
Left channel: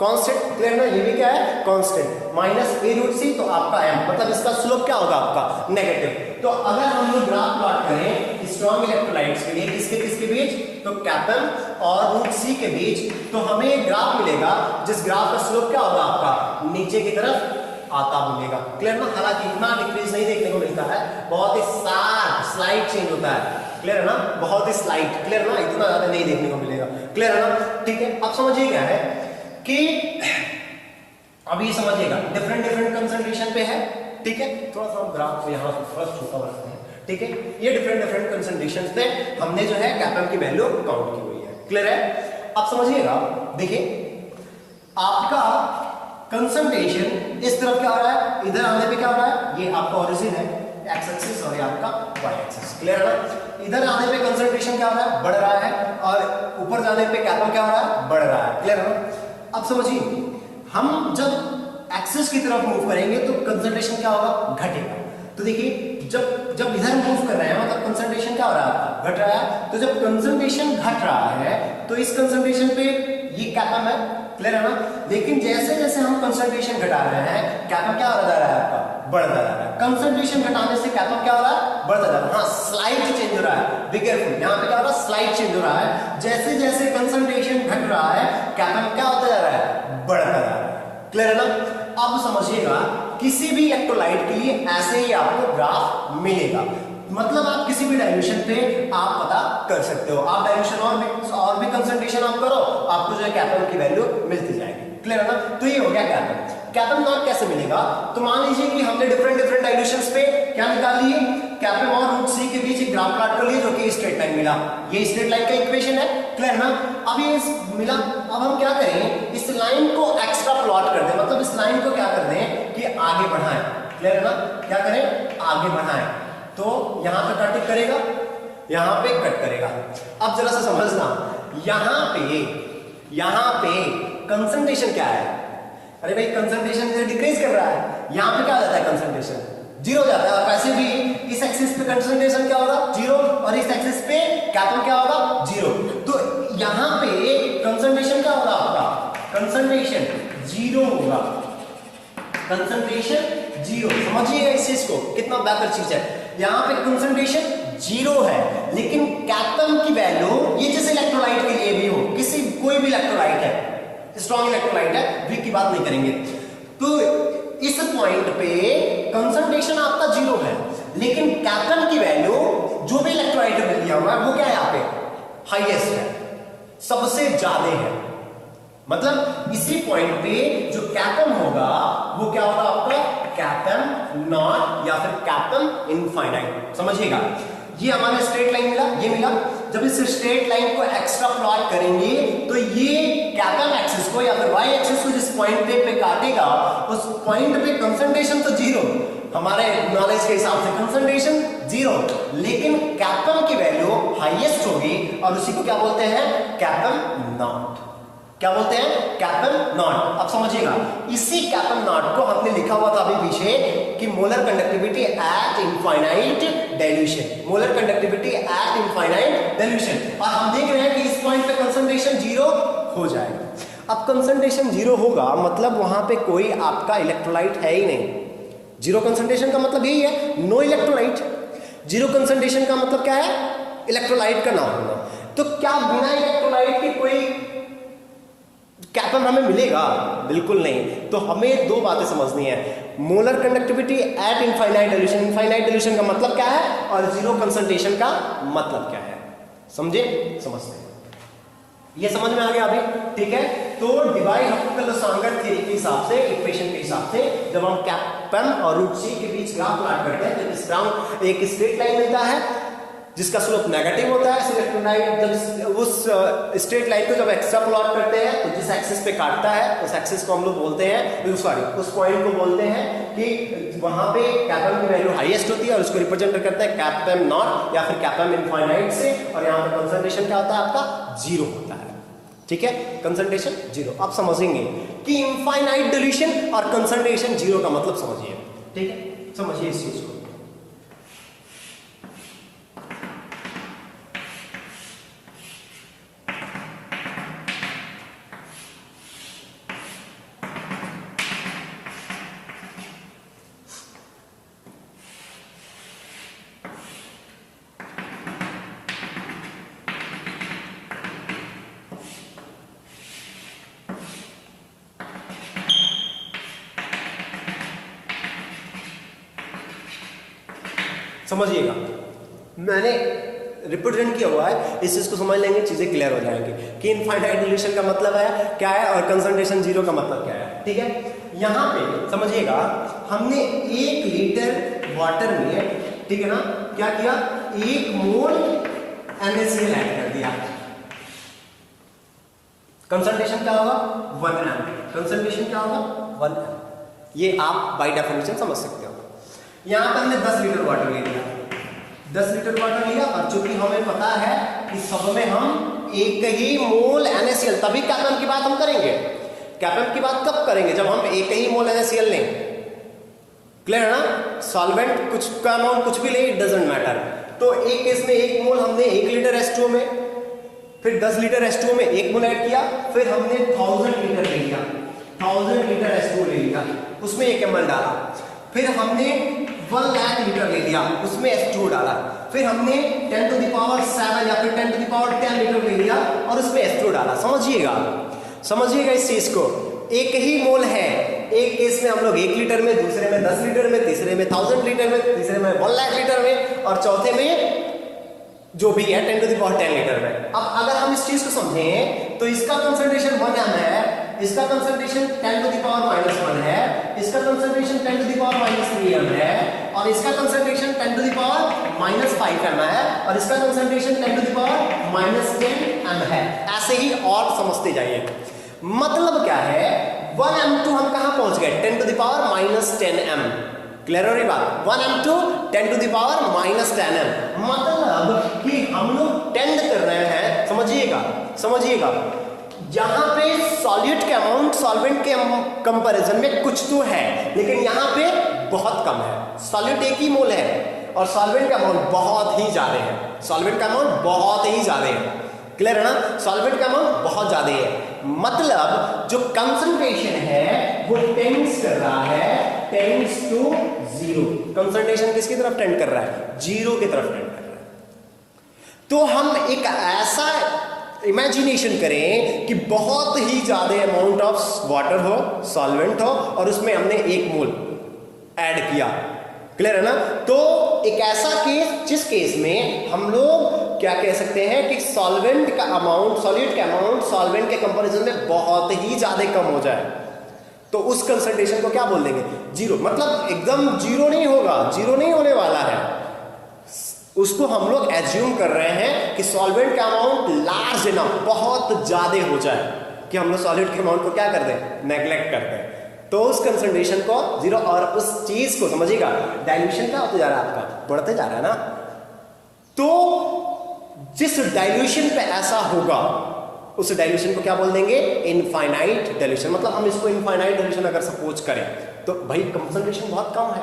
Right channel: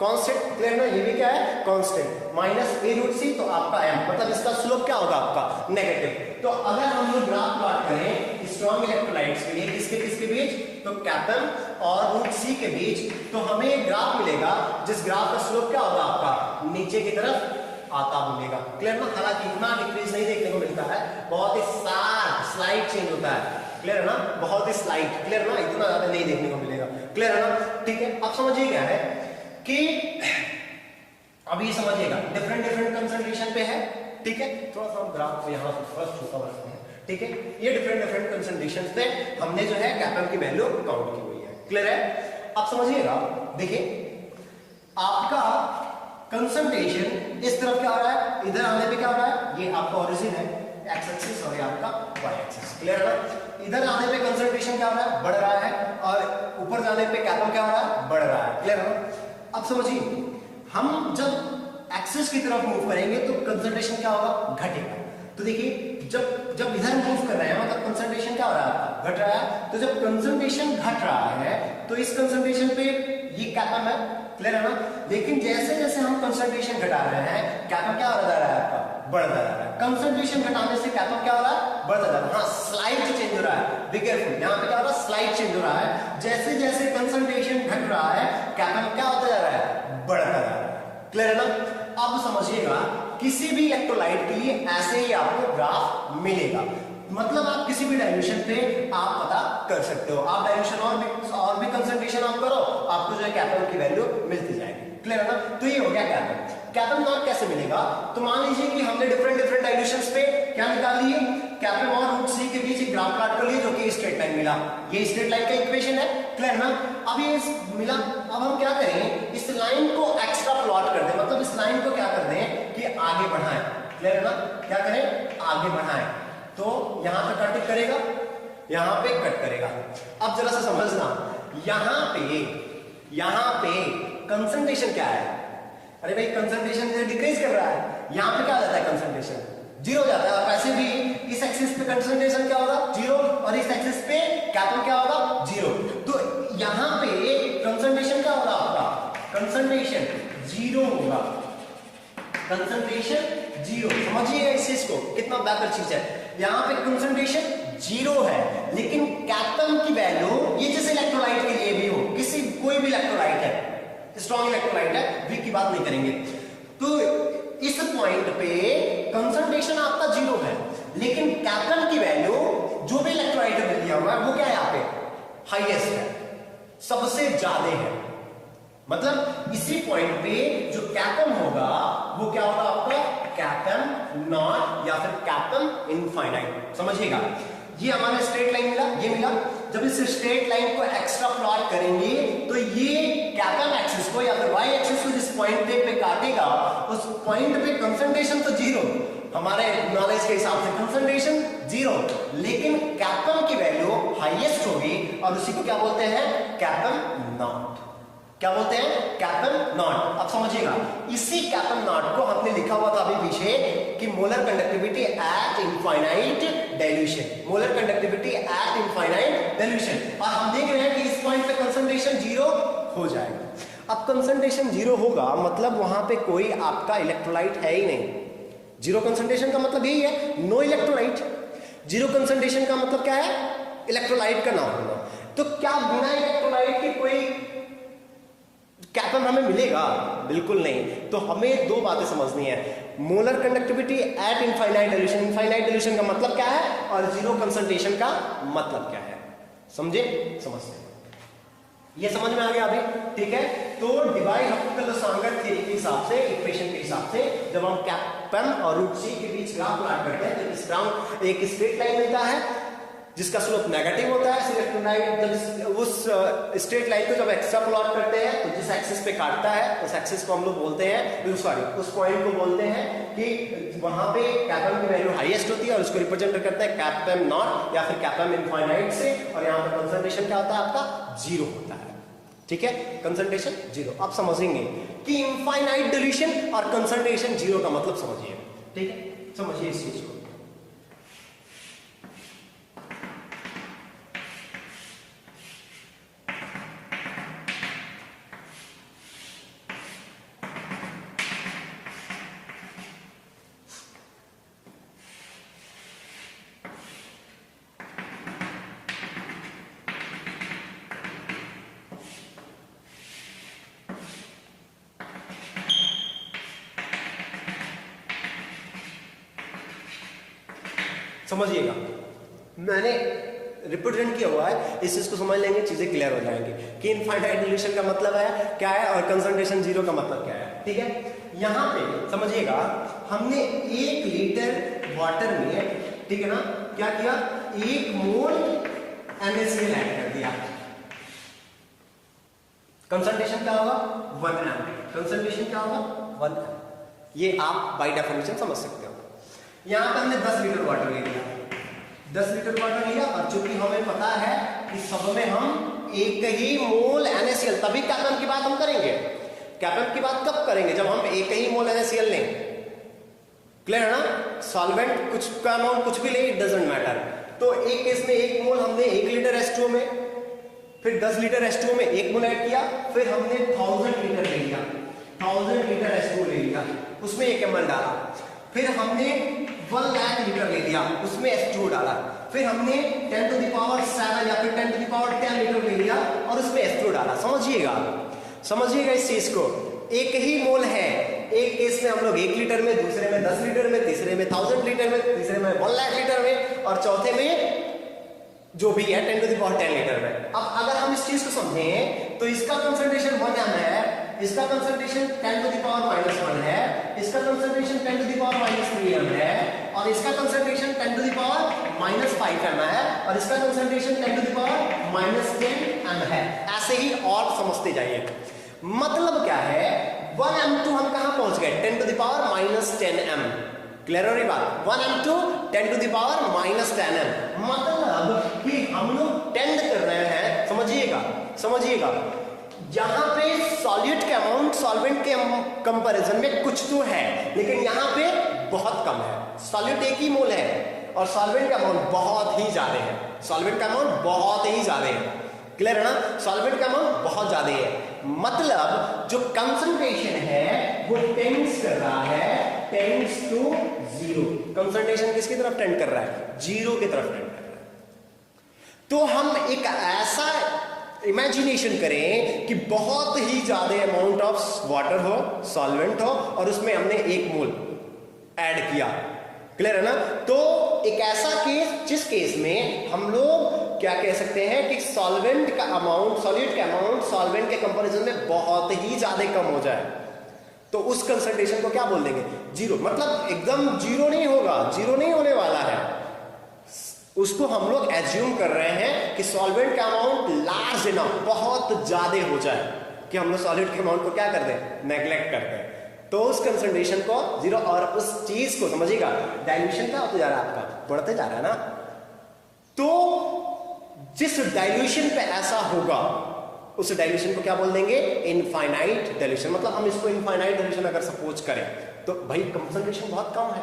कांस्टेंट, क्लियर ना? ये भी क्या है? कांस्टेंट, माइनस ए रूट सी, तो आपका m, मतलब इसका स्लोप क्या होगा आपका? नेगेटिव। तो अगर हम लोग ग्राफ प्लॉट करें स्ट्रॉन्ग इलेक्ट्रोलाइट्स के लिए, किसके बीच? तो कैपिटल और रूट सी के बीच, तो हमें एक ग्राफ मिलेगा जिस ग्राफ का स्लोप क्या होगा आपका? नीचे की तरफ आता मिलेगा, क्लियर ना? हालांकि इतना डिक्रीज नहीं देखने को मिलता है, बहुत ही स्लाइड चेंज होता है, क्लियर है ना? बहुत ही स्लाइड, क्लियर ना? इतना ज्यादा नहीं देखने को मिलेगा, क्लियर है ना? ठीक है, अब समझिए क्या है कि अभी समझिएगा डिफरेंट कंसंट्रेशन पे है, ठीक है? थोड़ा सा ग्राफ को यहाँ थोड़ा छोटा बनाते हैं, ठीक है? ये डिफरेंट कंसंट्रेशन पे हमने जो है कैपिटल की वैल्यू काउंट की हुई है, क्लियर है? अब समझिएगा, देखिए आपका कंसंट्रेशन इस तरफ क्या हो रहा है, इधर आने पे क्या हो रहा है? ये आपका ओरिजिन है, एक्स एक्सिस, और ये आपका वाई एक्सिस, क्लियर है ना? इधर आने पे कंसंट्रेशन क्या हो रहा है? बढ़ रहा है, और ऊपर जाने पे कैपिटल क्या हो रहा है? बढ़ रहा है, क्लियर है ना? अब समझिए, हम जब एक्सिस की तरफ मूव करेंगे तो कंसंट्रेशन क्या होगा? घटेगा। तो देखिए जब इधर मूव कर रहे हैं मतलब कंसंट्रेशन क्या हो रहा है? घट रहा है। तो जब कंसंट्रेशन घट रहा है तो इस कंसंट्रेशन पे ये कैपिटल है, क्लियर है ना? लेकिन जैसे जैसे हम कंसंट्रेशन घटा रहे हैं कैपिटल क्या हो रहा है आपका? बढ़ता जा रहा है। कंसंट्रेशन घटाने से कैपिटल क्या हो रहा है? बढ़ता जा रहा है। हाँ, स्लाइड चेंज हो रहा है, बी केयरफुल, यहाँ पे क्या हो रहा है? स्लाइड चेंज हो रहा है। जैसे जैसे कंसंट्रेशन घट रहा है कैपिटल क्या होता जा रहा है? बढ़ता जा रहा है, क्लियर है ना? अब समझिएगा, किसी भी इलेक्ट्रोलाइट के लिए ऐसे ही आपको ग्राफ मिलेगा, मतलब आप किसी भी डायल्यूशन पे आप पता कर सकते हो। आप डायल्यूशन और भी कंसंट्रेशन आप करो, आपको जो है कैपिटल की वैल्यू मिलती जाएगी, क्लियर है ना? तो ये हो गया कैपिटल। कैपिटल नॉट कैसे मिलेगा? तो मान लीजिए कि हमने डिफरेंट डायल्यूशंस पे क्या निकाल लिए, कैपिटल और रूट सी के बीच एक ग्राफ प्लॉट कर लिए जो कि स्ट्रेट लाइन मिला। ये स्ट्रेट लाइन का इक्वेशन है, क्लियर है ना? अब ये मिला, अब हम क्या करें, इस लाइन को एक्स्ट्रा प्लॉट कर दें, मतलब इस लाइन को क्या कर दें कि आगे बढ़ाएं, क्लियर है ना? क्या करें? आगे बढ़ाएं। तो यहां पे कट करेगा, यहां पे कट करेगा। अब जरा सा समझना, यहां पे कंसंट्रेशन क्या है? अरे भाई कंसंट्रेशन डिक्रीज कर रहा है, यहां पे क्या हो जाता है? कंसंट्रेशन जीरो जाता है। और वैसे भी इस एक्सिस पे कंसंट्रेशन क्या होगा? जीरो, और इस एक्सिस पे कैपिटल क्या होगा? जीरो। तो यहां पे कंसंट्रेशन क्या होगा आपका? कंसंट्रेशन जीरो होगा, कंसंट्रेशन जीरो। समझिएगा इस चीज को, कितना बेहतर चीज है। यहां पे कंसंट्रेशन जीरो है, लेकिन कैपिटल की वैल्यू, ये जैसे इलेक्ट्रोलाइट के लिए भी हो, किसी कोई भी इलेक्ट्रोलाइट है, स्ट्रॉन्ग इलेक्ट्रोलाइट है, वीक की बात नहीं करेंगे, तो इस पॉइंट पे कंसंट्रेशन आपका जीरो है, लेकिन कैपिटल की वैल्यू जो भी इलेक्ट्रोलाइट में दिया हुआ है वो क्या है? यहाँ पे हाईएस्ट है, सबसे ज्यादा है। मतलब इसी पॉइंट पे जो कैपिटल होगा वो क्या होगा आपका? कैपम नॉट या फिर कैपम इनफाइनाइट। समझिएगा, ये हमारा स्ट्रेट लाइन मिला, ये मिला। जब इस स्ट्रेट लाइन को एक्स्ट्रा प्लॉट करेंगे तो ये कैपम एक्सिस को या फिर वाई एक्सिस को जिस पॉइंट पे काटेगा उस पॉइंट पे कंसंट्रेशन तो जीरो, हमारे नॉलेज के हिसाब से कंसंट्रेशन जीरो, लेकिन कैपम की वैल्यू हाईएस्ट होगी और उसी को क्या बोलते हैं, कैपम नॉट। क्या बोलते हैं, कैपम नॉट। अब समझिएगा, इसी कैपम नॉट को हमने लिखा हुआ था अभी पीछे कि molar conductivity eight infinite dilution, molar conductivity eight infinite dilution. और हम देख रहे हैं कि इस पॉइंट पे कंसंट्रेशन जीरो हो जाएगा। अब कंसंट्रेशन जीरो होगा मतलब वहां पे कोई आपका इलेक्ट्रोलाइट है ही नहीं। जीरो कंसंट्रेशन का मतलब यही है, नो इलेक्ट्रोलाइट। जीरो कंसंट्रेशन का मतलब क्या है, इलेक्ट्रोलाइट का ना होना। तो क्या बिना इलेक्ट्रोलाइट के कोई कैपम हमें मिलेगा? बिल्कुल नहीं। तो हमें दो बातें समझनी है, molar conductivity eight infinite dilution, infinite dilution का मतलब क्या है और जीरो कंसंट्रेशन का मतलब क्या है। समझे, समझते हैं, ये समझ में आ गया अभी, ठीक है। तो डिवाइड हॉप्किंस-लसांगर थ्योरी के हिसाब से, इक्वेशन के हिसाब से, जब हम कैपम और रूट सी के बीच ग्राफ प्लॉट करते हैं तो इस ग्राफ एक स्ट्रेट लाइन मिलता है जिसका स्लोप नेगेटिव होता है। इलेक्ट्रोलाइट जब उस स्ट्रेट लाइन को जब एक्स्ट्रा प्लॉट करते हैं तो जिस एक्सिस पे काटता है उस एक्सिस को हम लोग बोलते हैं, सॉरी उस पॉइंट को बोलते हैं कि वहां पे कैपम की वैल्यू हाईएस्ट होती है और उसको रिप्रेजेंट करते हैं कैपम नॉट या फिर कैपम इनफाइनाइट से। और यहाँ पे कंसंट्रेशन क्या होता है आपका, जीरो होता है, ठीक है, कंसंट्रेशन जीरो। आप समझेंगे कि इनफाइनाइट डाइल्यूशन और कंसंट्रेशन जीरो का मतलब समझिए, ठीक है, समझिए इस चीज को। समझिएगा, मैंने रिप्रेजेंट किया हुआ है, इस चीज को समझ लेंगे चीजें क्लियर हो जाएंगी कि इनफाइनाइट डाइल्यूशन का मतलब है क्या है और कंसंट्रेशन जीरो का मतलब क्या है, ठीक है। यहां पे समझिएगा, हमने 1 लीटर वाटर में, ठीक है ना, क्या किया, 1 मोल NaCl ऐड कर दिया। कंसंट्रेशन क्या होगा, 1 ml। कंसंट्रेशन क्या होगा, 1 ml। ये आप बाय डेफिनेशन समझ सकते हो। यहां पर हमने 10 लीटर वाटर ले लिया, 10 लीटर वाटर लिया और चूंकि हमें पता है कि सब में हम 1 ही मोल NaCl, तभी कैपम की बात हम करेंगे। कैपम की बात कब करेंगे, जब हम 1 ही मोल NaCl लें। क्लियर है ना, सॉल्वेंट कुछ का अमाउंट कुछ भी ले, इट डजंट मैटर। तो एक केस में 1 मोल हमने 1 लीटर H2O में, फिर 10 लीटर H2O में 1 मोल ऐड किया, फिर हमने 1000 लीटर ले लिया, 1000 लीटर H2O ले लिया, उसमें 1 ml डाला, फिर हमने 1 लाख लीटर ले लिया, उसमें H2O डाला, फिर हमने 10 to the power 7 या फिर 10 to the power 10 लीटर ले लिया और उसमें H2O डाला। समझिएगा, समझिएगा इस चीज को, 1 ही मोल है। एक केस में हम लोग 1 लीटर में, दूसरे में 10 लीटर में, तीसरे में 1000 लीटर में, तीसरे में 1 लाख लीटर में और चौथे में जो भी है 10 to the power 10 लीटर में। अब अगर हम इस चीज को समझें तो इसका कंसंट्रेशन 1 m है, इसका कंसंट्रेशन 10 to the power -1 है, इसका concentration 10 to the power -3 m है और इसका concentration 10 to the power -5 m है और इसका concentration 10 to the power -10 m है। ऐसे ही और समझते जाइए। मतलब क्या है, 1 m2 हम कहां पहुंच गए, 10 to the power -10 m। Clear हो रही बात, 1 m2 10 to the power -10 m, मतलब कि हम लोग टेंड कर रहे हैं। समझिएगा, समझिएगा, यहां पे सॉलिड के अमाउंट सॉल्वेंट के कंपैरिजन में कुछ तो है, लेकिन यहां पे बहुत कम है। सॉलिड 1 ही मोल है और सॉल्वेंट का अमाउंट बहुत ही ज्यादा है, सॉल्वेंट का अमाउंट बहुत ही ज्यादा है। क्लियर है ना, सॉल्वेंट का अमाउंट बहुत ज्यादा है, मतलब जो कंसंट्रेशन है वो टेंड्स कर रहा है, टेंड्स टू 0। कंसंट्रेशन किसकी तरफ टेंड कर रहा है, 0 की तरफ टेंड कर रहा है। तो हम एक ऐसा इमेजिनेशन करें कि बहुत ही ज्यादा अमाउंट ऑफ वाटर हो, सॉल्वेंट हो और उसमें हमने 1 मोल ऐड किया। क्लियर है ना, तो एक ऐसा केस जिस केस में हम लोग क्या कह सकते हैं कि सॉल्वेंट का अमाउंट, सॉलिड का अमाउंट सॉल्वेंट के कंपैरिजन में बहुत ही ज्यादा कम हो जाए। तो उस कंसंट्रेशन को क्या बोल देंगे? जीरो। मतलब एकदम जीरो नहीं होगा, जीरो नहीं होने वाला है। उसको हम लोग एज्यूम कर रहे हैं कि सॉल्वेंट का अमाउंट लार्ज इनफ, बहुत ज्यादा हो जाए कि हम लोग सॉलिड के अमाउंट को क्या कर दें? नेग्लेक्ट कर दें। तो उस कंसंट्रेशन को जीरो, और उस चीज को समझिएगा, डाइल्यूशन क्या होता जा रहा है आपका? बढ़ते जा रहा है ना। तो जिस डाइल्यूशन पे ऐसा होगा उस डाइल्यूशन को क्या बोल देंगे? Infinite dilution. मतलब हम इसको इनफाइनाइट डाइल्यूशन अगर सपोज करें तो भाई कंसंट्रेशन बहुत कम है।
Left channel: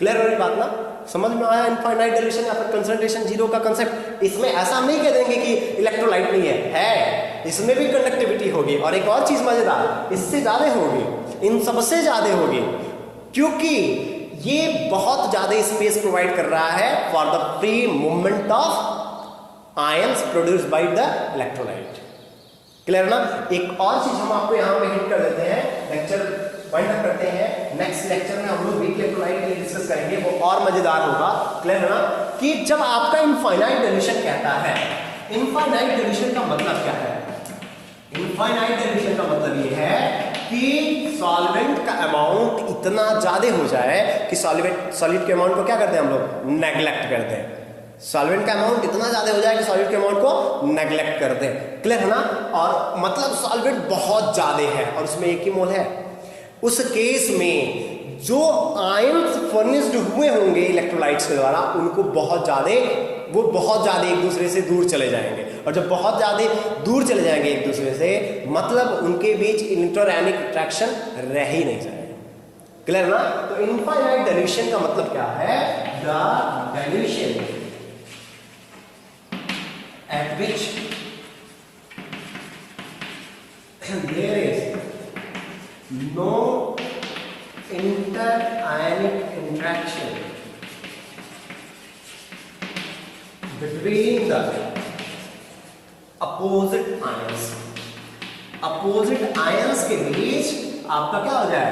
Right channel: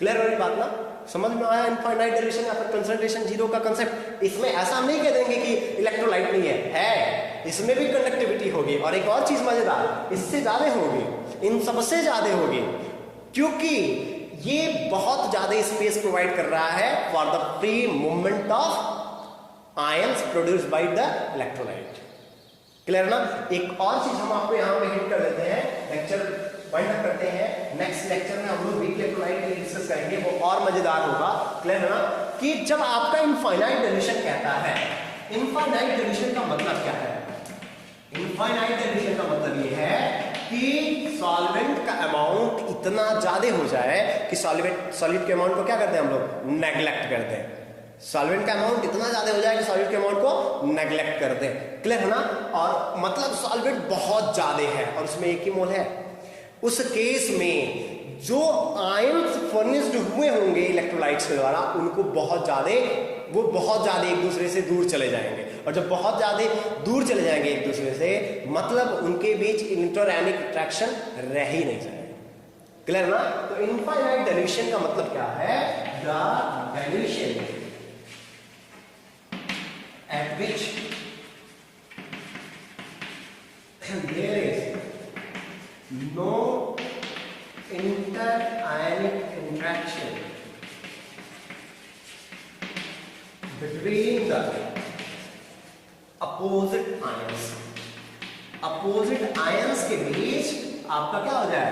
क्लियर हो रही बात ना? समझ में आया इनफाइनाइट डाइल्यूशन या फिर कंसंट्रेशन जीरो का कंसेप्ट? इसमें ऐसा हम नहीं कह देंगे कि इलेक्ट्रोलाइट नहीं है, इसमें भी कंडक्टिविटी होगी। और एक और चीज मजेदार, इससे ज्यादा होगी, इन सबसे ज्यादा होगी, क्योंकि ये बहुत ज्यादा स्पेस प्रोवाइड कर रहा है for the free movement of ions produced by the electrolyte. Clear ना? एक और चीज हम आपको यहां पे हिट कर देते हैं, लेक्चर वाइंड अप करते हैं। नेक्स्ट लेक्चर में हम लोग वीक इलेक्ट्रोलाइट के लिए डिस्कस करेंगे, वो और मजेदार होगा। क्लियर है ना? कि जब आपका इनफाइनाइट डाइल्यूशन कहता है, इनफाइनाइट डाइल्यूशन का मतलब क्या है? इनफाइनाइट डाइल्यूशन का मतलब ये है कि सॉल्वेंट का अमाउंट इतना ज्यादा हो जाए कि सॉलिड के अमाउंट को क्या करते हैं हम लोग? नेग्लेक्ट करते हैं। सॉल्वेंट का अमाउंट इतना ज्यादा हो जाए कि सॉलिड के अमाउंट को नेग्लेक्ट करते हैं। क्लियर है ना? और मतलब सॉल्वेंट बहुत ज्यादा है और उसमें एक ही मोल है। उस केस में जो आयंस फर्निश्ड हुए होंगे इलेक्ट्रोलाइट्स के द्वारा, उनको बहुत ज्यादा, वो बहुत ज्यादा एक दूसरे से दूर चले जाएंगे। और जब बहुत ज्यादा दूर चले जाएंगे एक दूसरे से, मतलब उनके बीच इंटरएनिक अट्रैक्शन रह ही नहीं जाएगा। क्लियर ना? तो इनफाइनाइट डाइल्यूशन का मतलब क्या है? The dilution at which there is no interionic interaction between the opposite ions. Opposite ions के बीच आपका क्या हो जाए?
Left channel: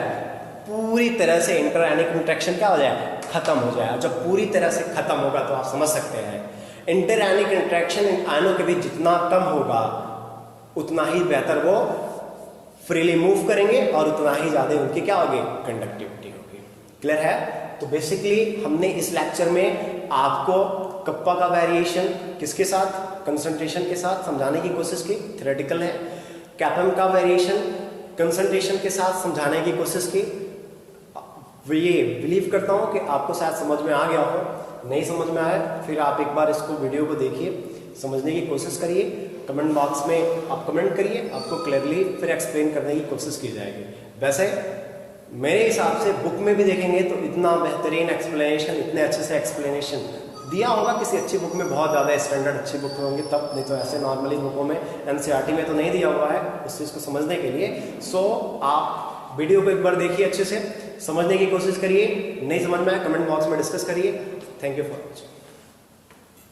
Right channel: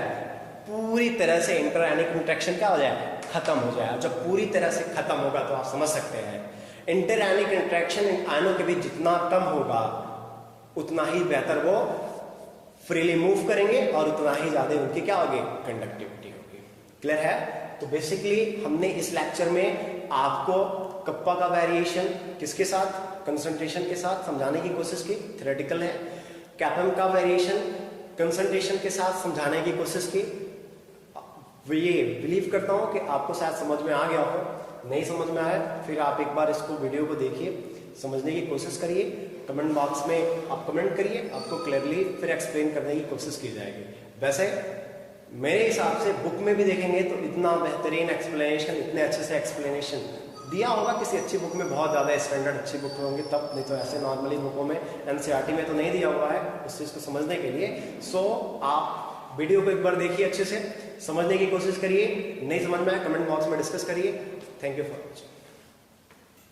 पूरी तरह से इंटरएनिक इंटरेक्शन क्या हो जाए? खत्म हो जाए। जब पूरी तरह से खत्म होगा तो आप समझ सकते हैं इंटरएनिक इंटरेक्शन आयनों के बीच जितना कम होगा उतना ही बेहतर वो फ्रीली मूव करेंगे और उतना ही ज्यादा उनकी क्या होगी? कंडक्टिविटी होगी। क्लियर है? तो बेसिकली हमने इस लेक्चर में आपको कप्पा का वेरिएशन किसके साथ? कंसंट्रेशन के साथ समझाने की कोशिश की, थ्योरेटिकल है। कैपम का वेरिएशन कंसंट्रेशन के साथ समझाने की कोशिश की। ये बिलीव करता हूं कि आपको शायद समझ में आ गया हो। नहीं समझ में आया फिर आप एक बार इसको वीडियो को देखिए, समझने की कोशिश करिए, कमेंट बॉक्स में आप कमेंट करिए, आपको क्लियरली फिर एक्सप्लेन करने की कोशिश की जाएगी। वैसे मेरे हिसाब से बुक में भी देखेंगे तो इतना बेहतरीन एक्सप्लेनेशन, इतने अच्छे से एक्सप्लेनेशन दिया होगा किसी अच्छी बुक में, बहुत ज्यादा स्टैंडर्ड अच्छी बुक होंगी तब, नहीं तो ऐसे नॉर्मली बुकों में एनसीईआरटी में तो नहीं दिया हुआ है उस चीज को समझने के लिए। सो आप वीडियो को एक बार देखिए, अच्छे से समझने की कोशिश करिए। नहीं समझ में आए कमेंट बॉक्स में डिस्कस करिए। Thank you for watching.